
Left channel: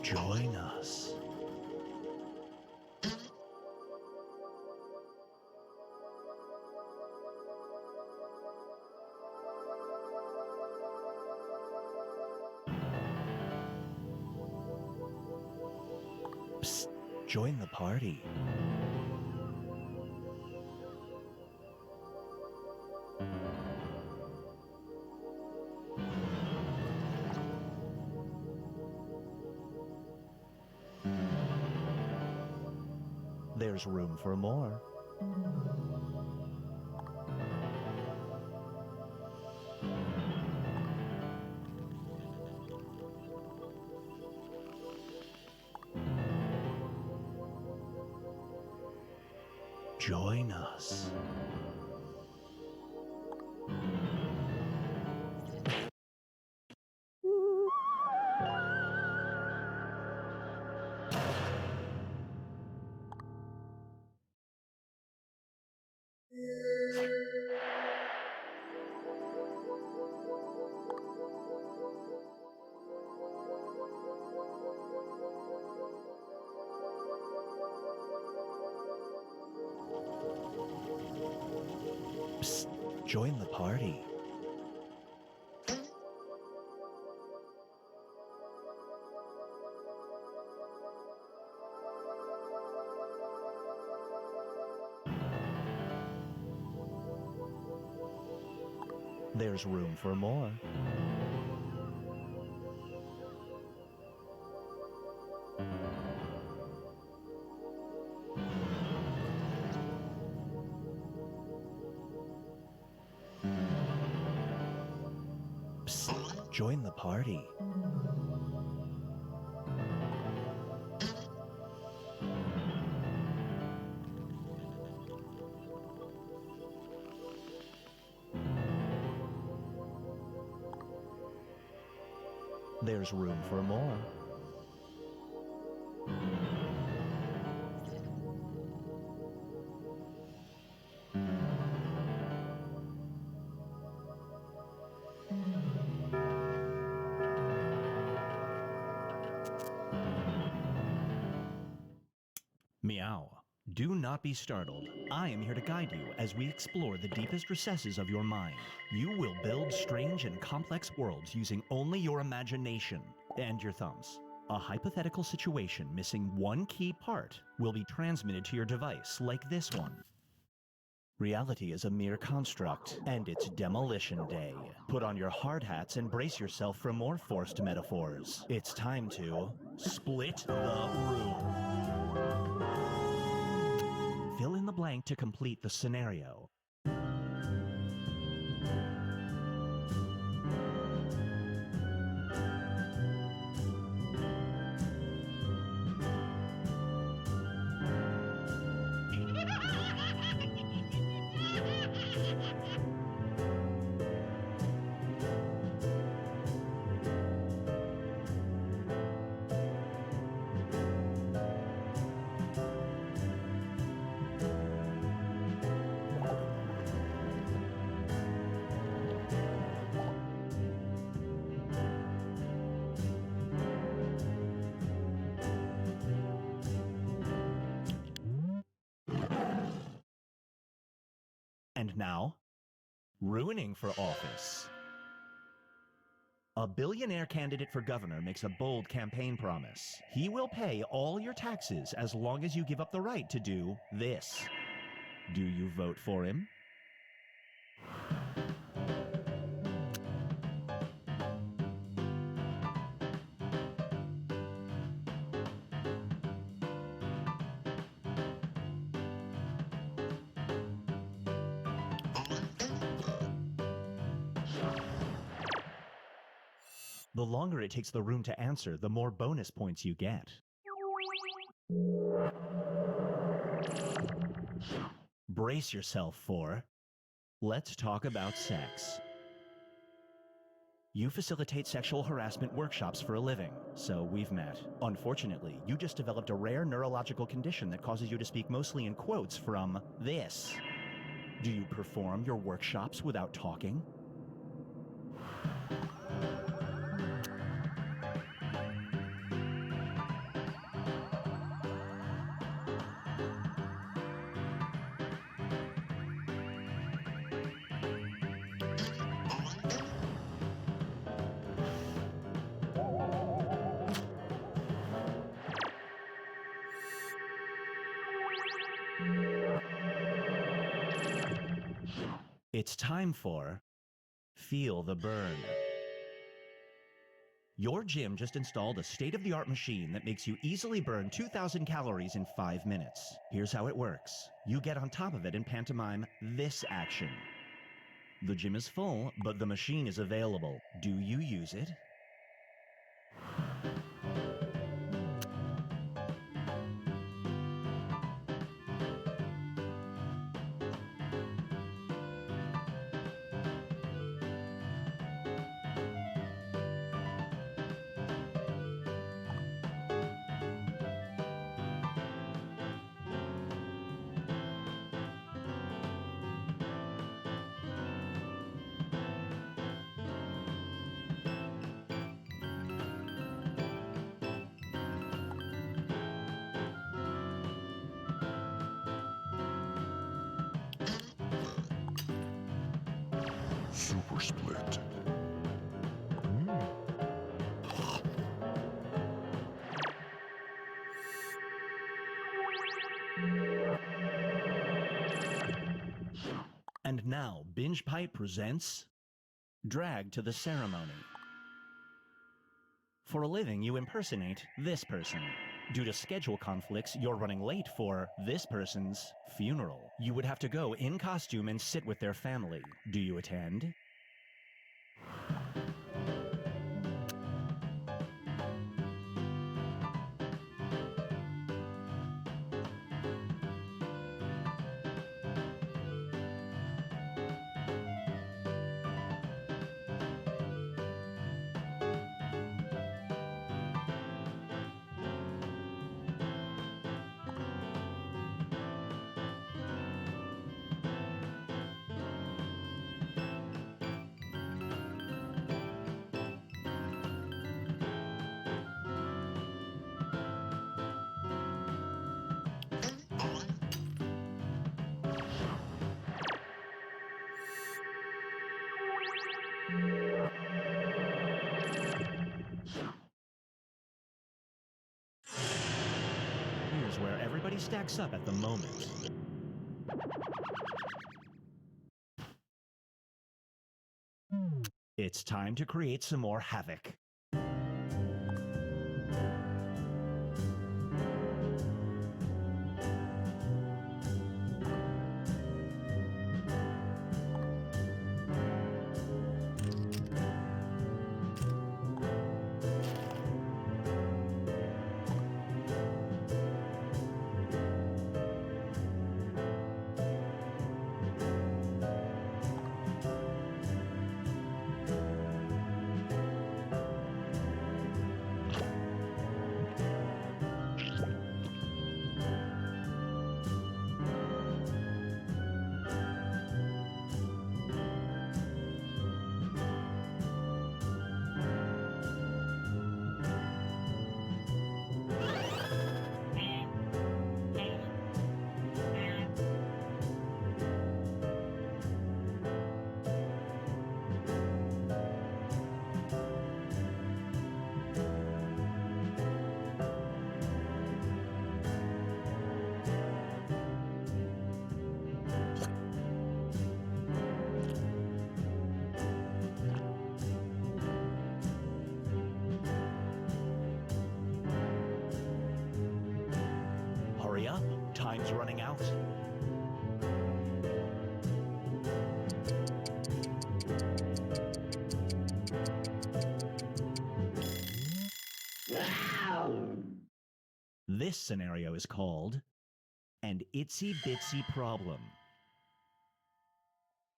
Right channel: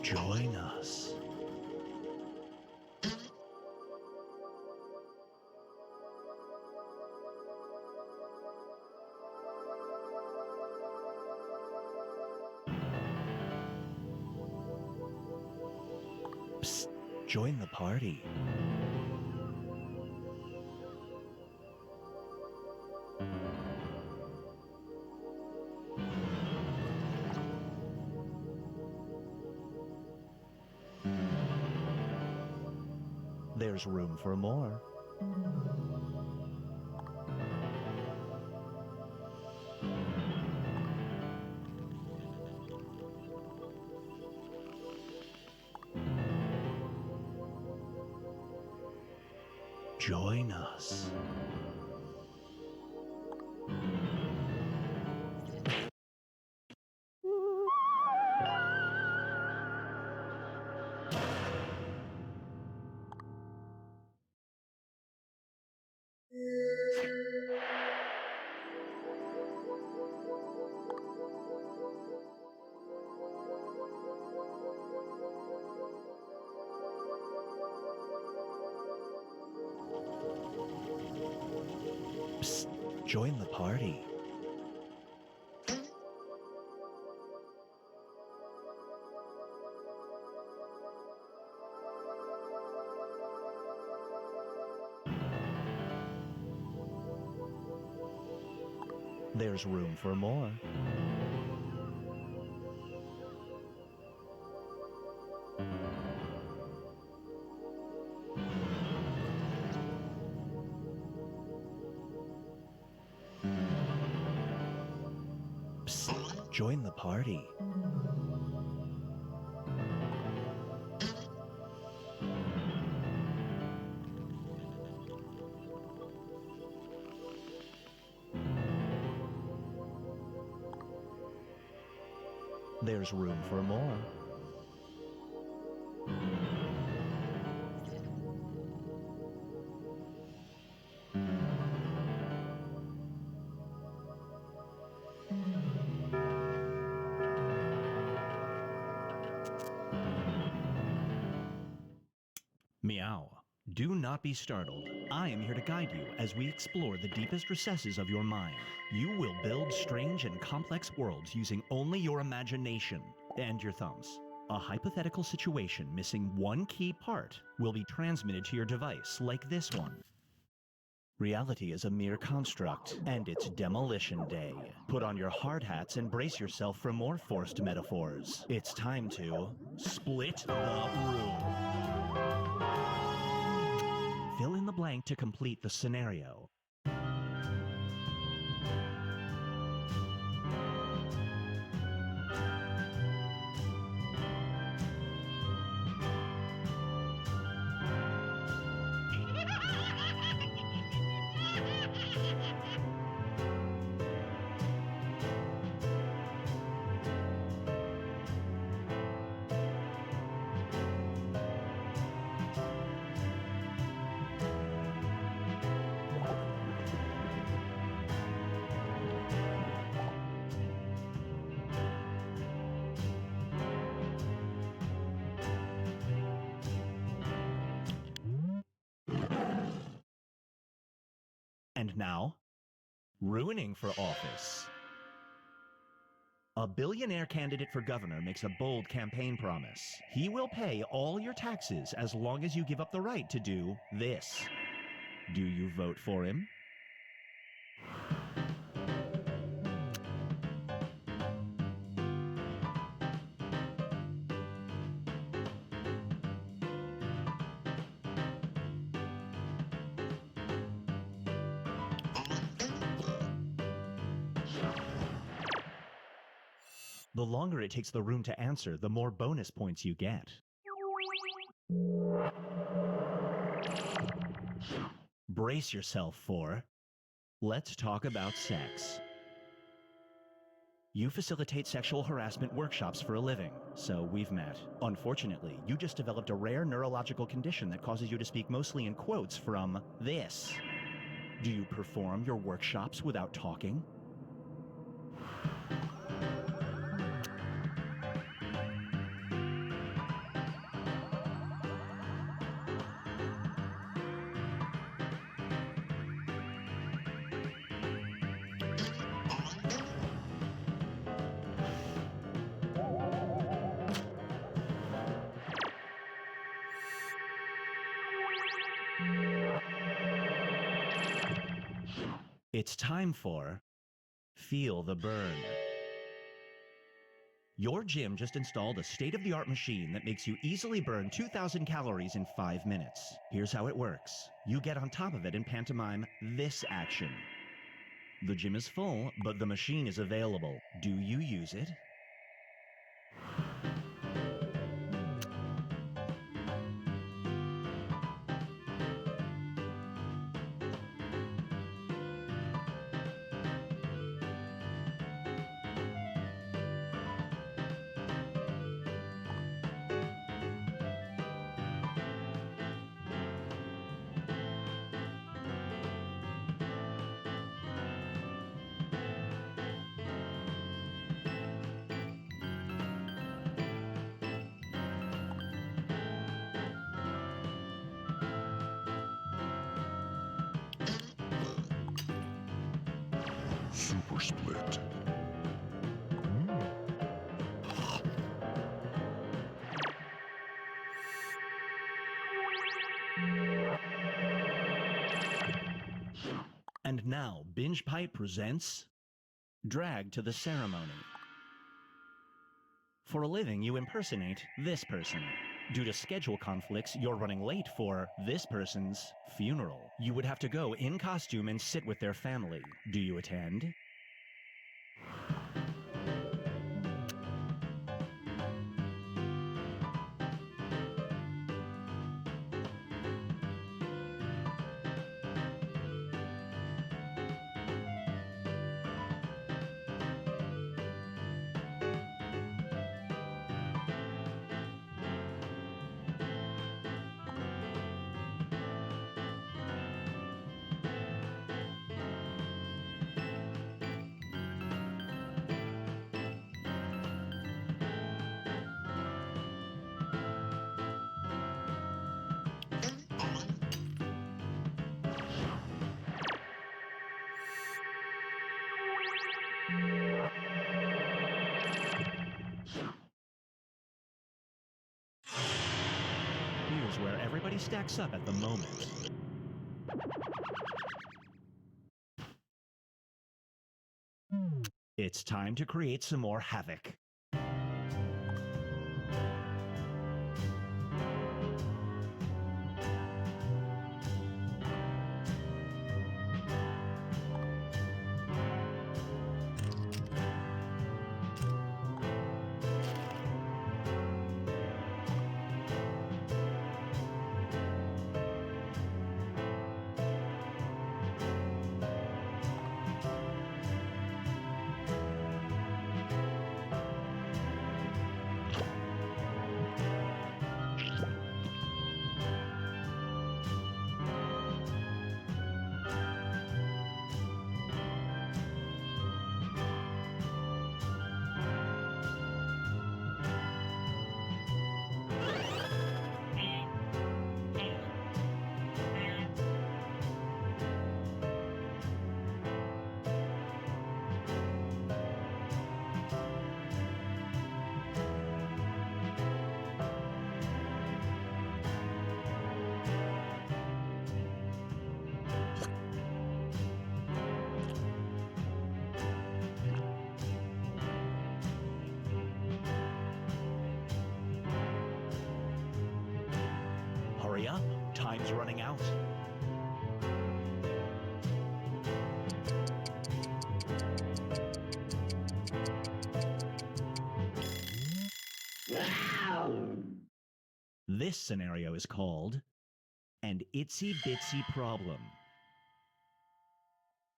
Join us. Psst, join the party. There's room for more. Join us. Psst, join the party. There's room for more. Psst, join the party. There's room for more. Meow. Do not be startled. I am here to guide you as we explore the deepest recesses of your mind. You will build strange and complex worlds using only your imagination and your thumbs. A hypothetical situation missing one key part will be transmitted to your device like this one. Reality is a mere construct, and it's demolition day. Put on your hard hats and brace yourself for more forced metaphors. It's time to split the room. Fill in the blank to complete the scenario. And now, ruining for office. A billionaire candidate for governor makes a bold campaign promise. He will pay all your taxes as long as you give up the right to do this. Do you vote for him? The longer it takes the room to answer, the more bonus points you get. Brace yourself for Let's Talk About Sex. You facilitate sexual harassment workshops for a living, so we've met. Unfortunately, you just developed a rare neurological condition that causes you to speak mostly in quotes from this. Do you perform your workshops without talking? It's time for Feel the Burn. Your gym just installed a state-of-the-art machine that makes you easily burn 2,000 calories in 5 minutes. Here's how it works. You get on top of it and pantomime this action. The gym is full, but the machine is available. Do you use it? Super split. And now, Binge Pipe presents Drag to the Ceremony. For a living, you impersonate this person. Due to schedule conflicts, you're running late for this person's funeral. You would have to go in costume and sit with their family. Do you attend? Here's where everybody stacks up at the moment. It's time to create some more havoc. Hurry up, time's running out. This scenario is called An Itsy Bitsy Problem.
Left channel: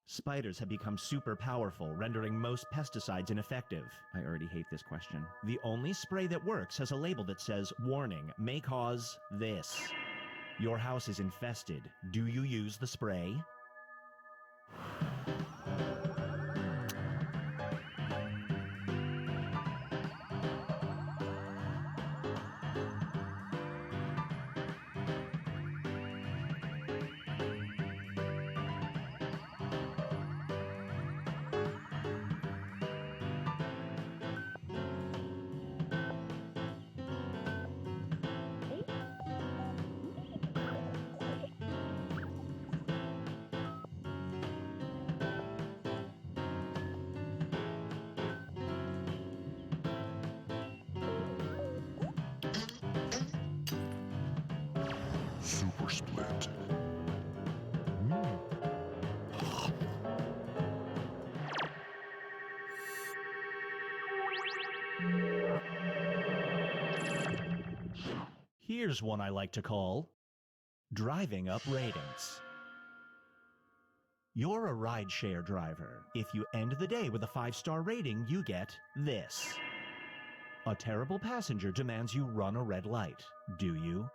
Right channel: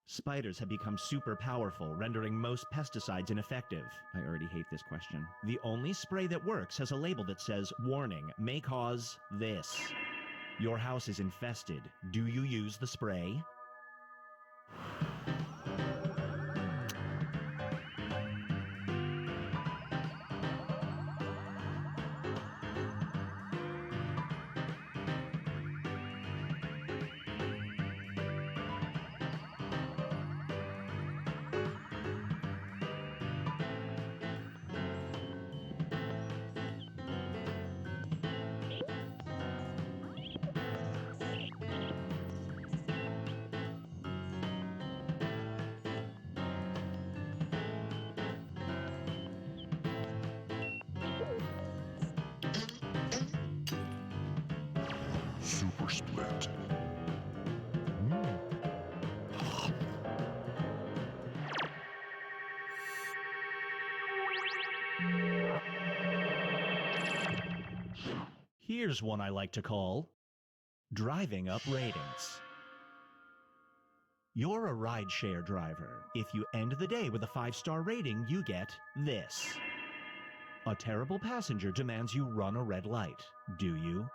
Spiders have become super powerful, rendering most pesticides ineffective. I already hate this question. The only spray that works has a label that says, "Warning, may cause this." Your house is infested. Do you use the spray? Super split. Here's one I like to call driving up ratings. You're a rideshare driver. If you end the day with a 5-star rating, you get this. A terrible passenger demands you run a red light. Do you?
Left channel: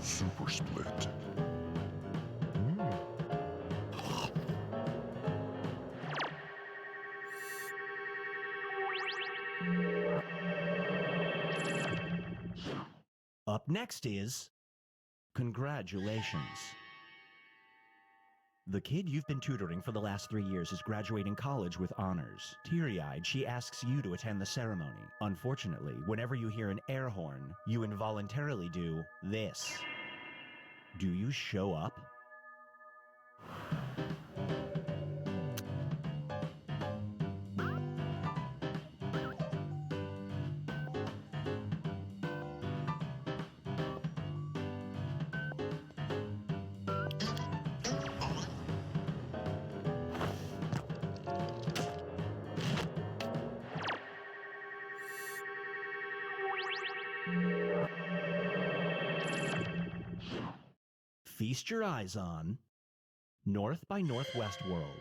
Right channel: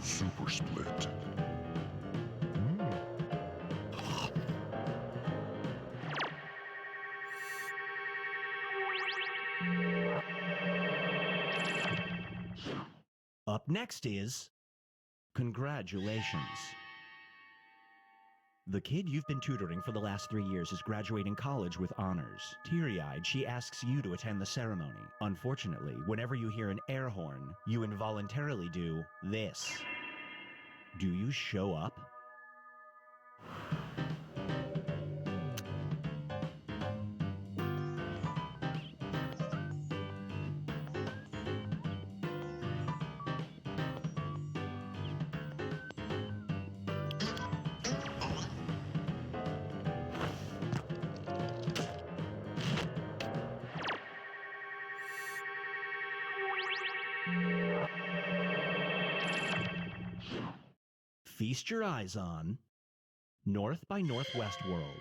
Super split. Up next is congratulations. The kid you've been tutoring for the last 3 years is graduating college with honors. Teary-eyed, she asks you to attend the ceremony. Unfortunately, whenever you hear an air horn, you involuntarily do this. Do you show up? Feast your eyes on North by Northwest World.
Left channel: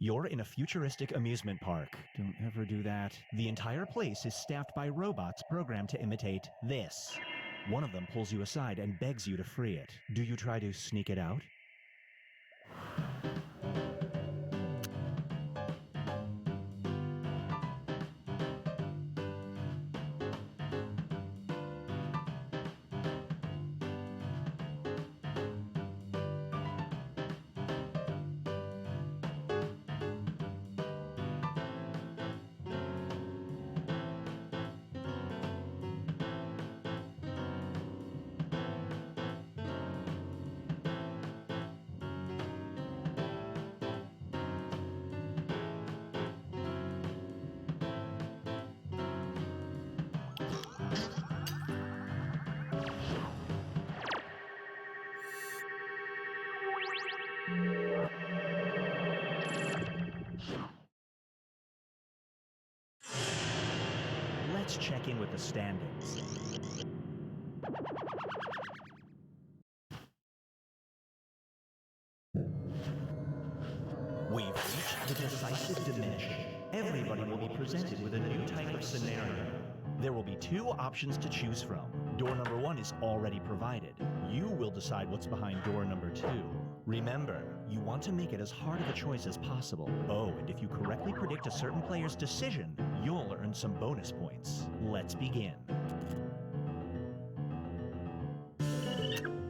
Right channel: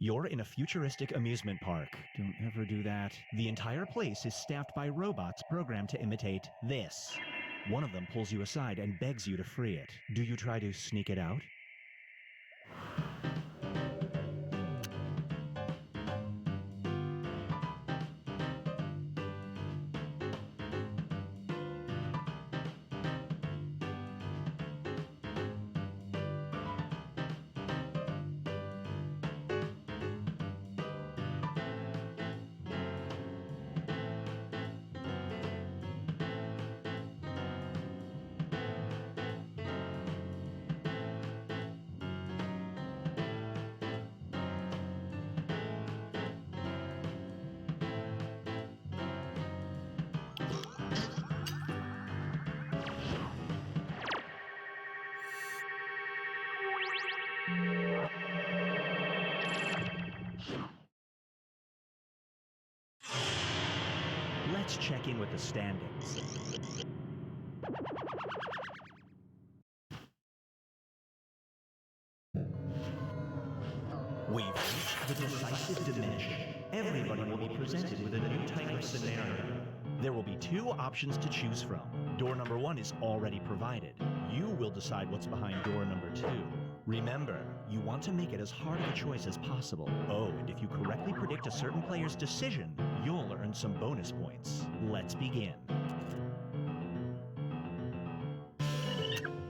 You're in a futuristic amusement park. Don't ever do that. The entire place is staffed by robots programmed to imitate this. One of them pulls you aside and begs you to free it. Do you try to sneak it out? Let's check in with the standings. We've reached the decisive diminishing. Everybody will be presented with a new type of scenario. There will be 2 options to choose from. Door number 1 is already provided. You will decide what's behind door number 2. Remember, you want to make it as hard of a choice as possible. Oh, and if you correctly predict a certain player's decision, you'll earn some bonus points. Let's begin.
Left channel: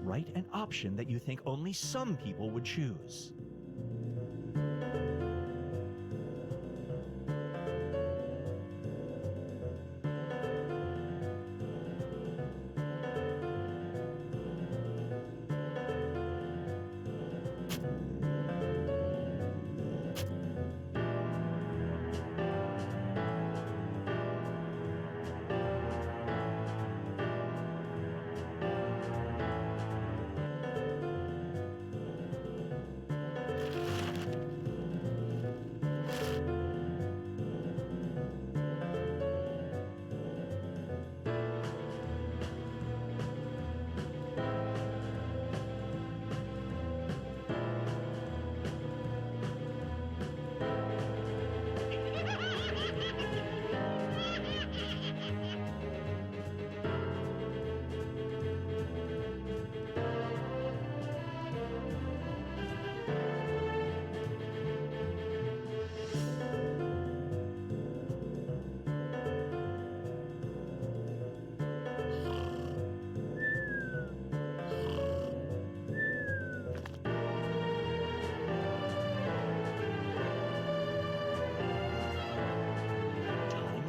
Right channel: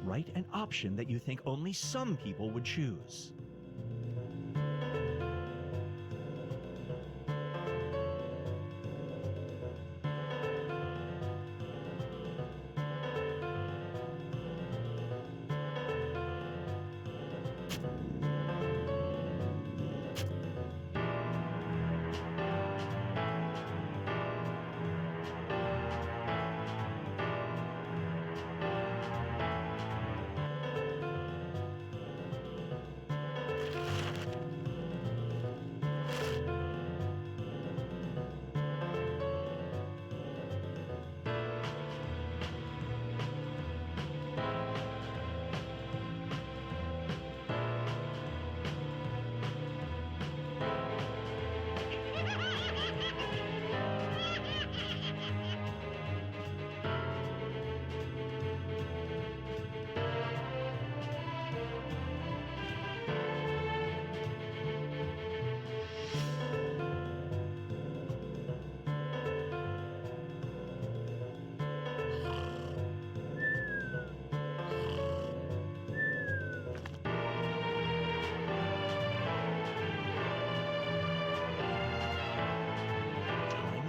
Write an option that you think only some people would choose.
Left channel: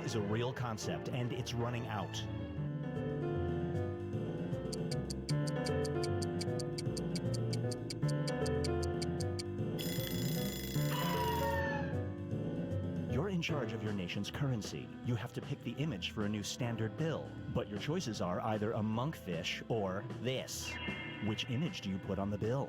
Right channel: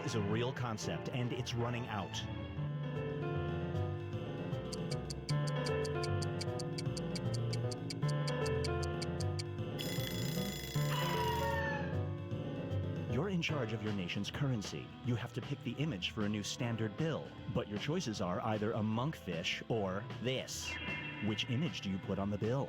is a real concept, and it's running out. You're in charge of your nation's currency. You have to pick the image for a new standard bill. But your choices are either a monkfish or this. Which image do you put on the bill?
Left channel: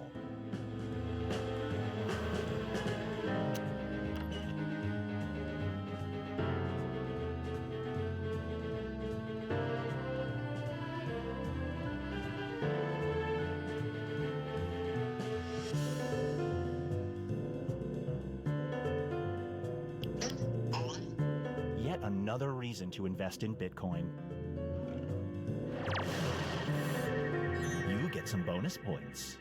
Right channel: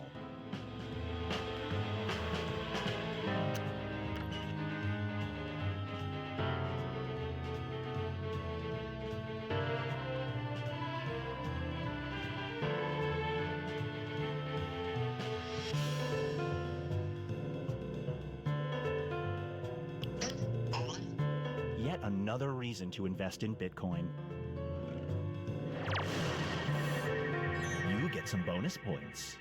Yet another reason to invest in Bitcoin. You get some bonus points.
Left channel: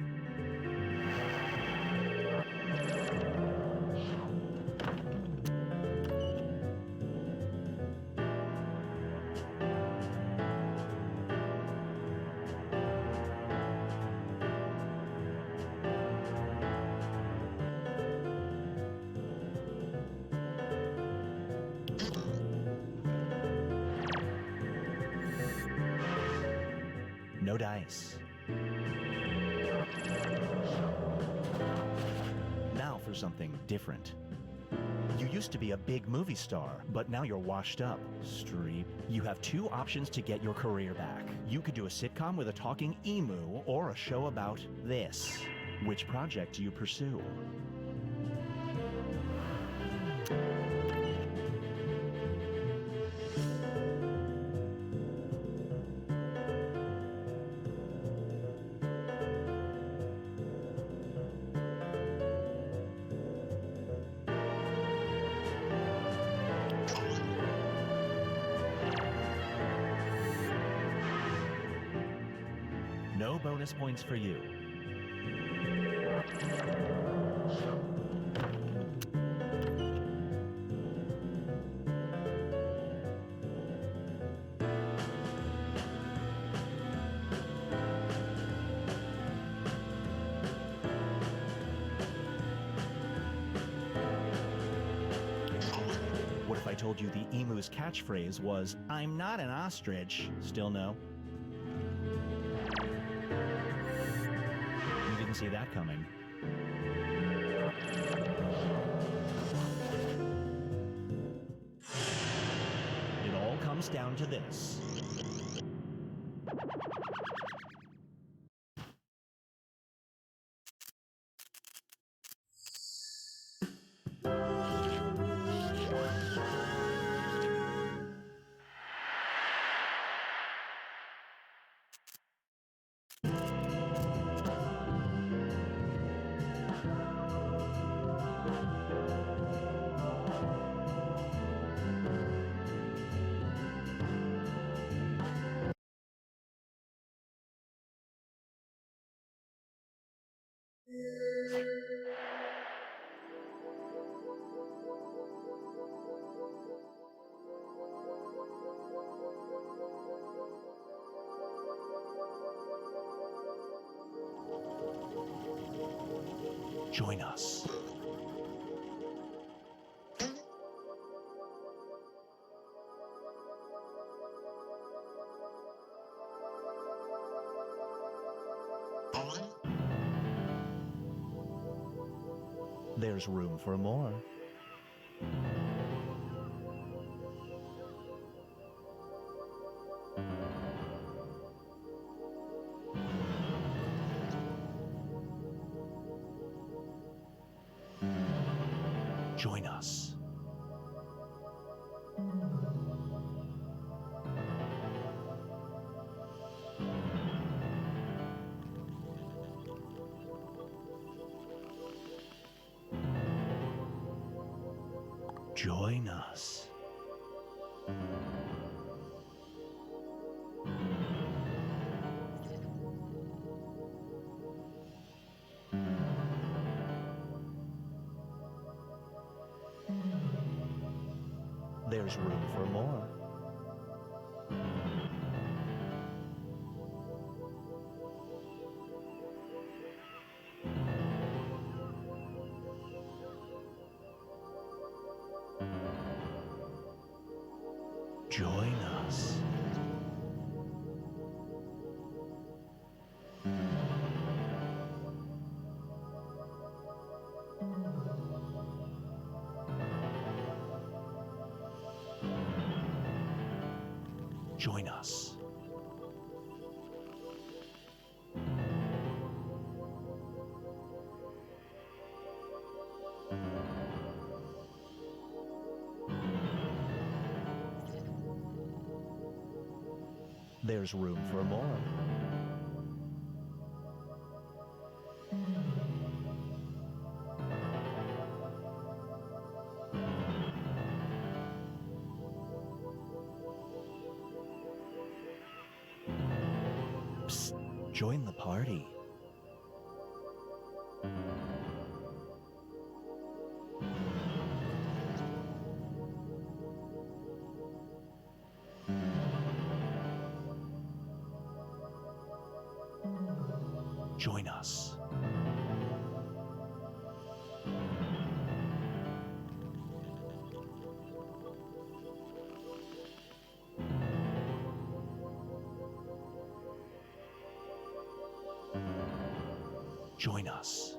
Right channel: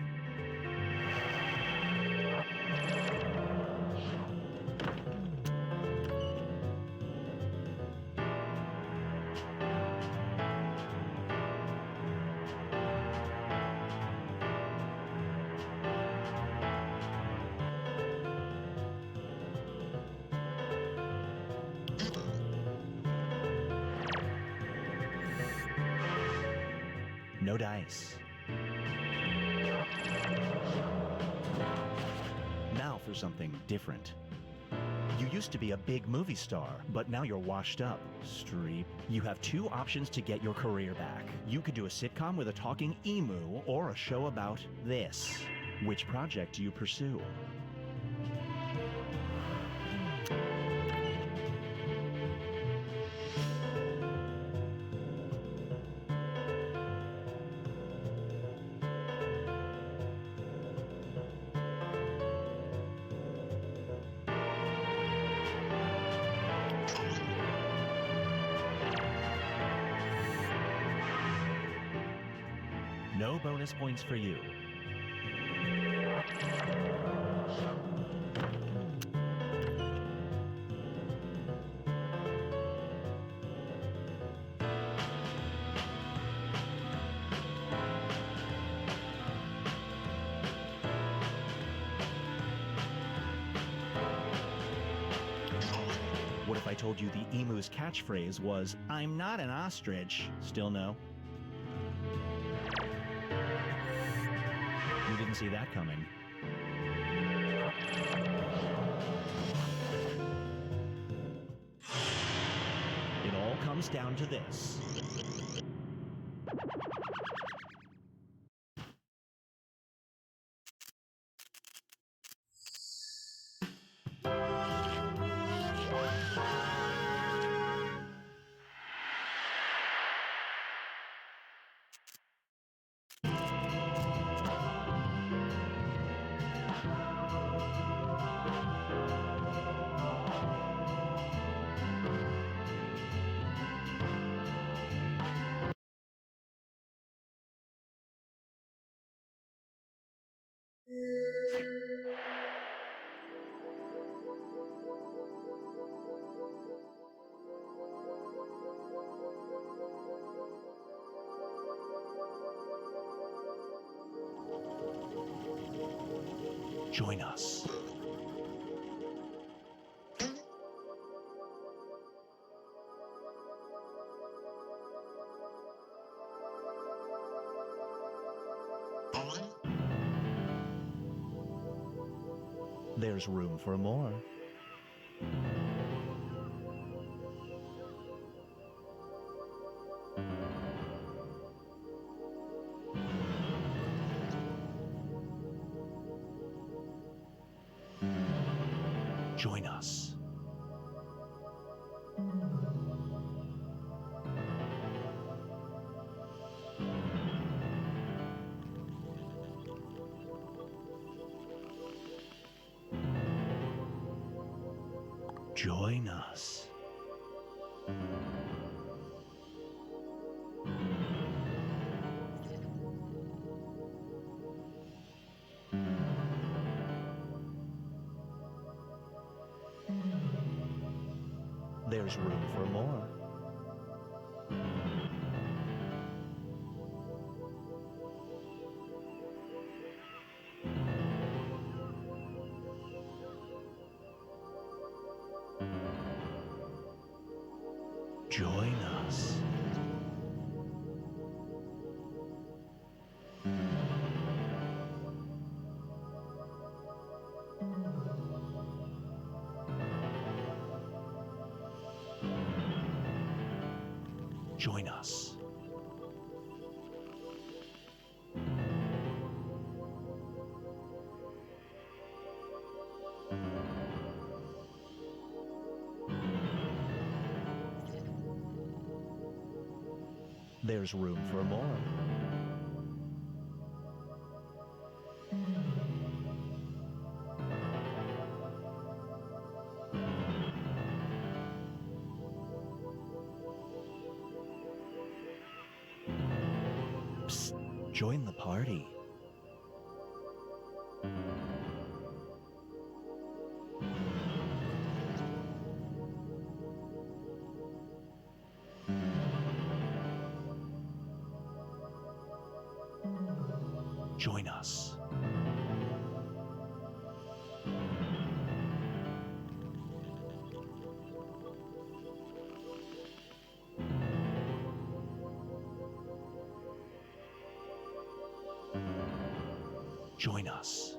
No dice. Now for something different. You used to be a big movie star, but now you're washed up. Streep. You have two options to get your career back. You could do a sitcom with a talking emu or a show about this. Which project do you pursue? No bonus points for you. What if I told you the emu's catchphrase was, "I'm not an ostrich"? Still no? You didn't see that coming. It all comes down to this. Join us. There's room for more. Join us. Join us. There's room for more. Join us. Join us. There's room for more. Psst, join the party. Join us. Join us.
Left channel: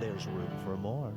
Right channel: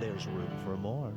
There's room for more.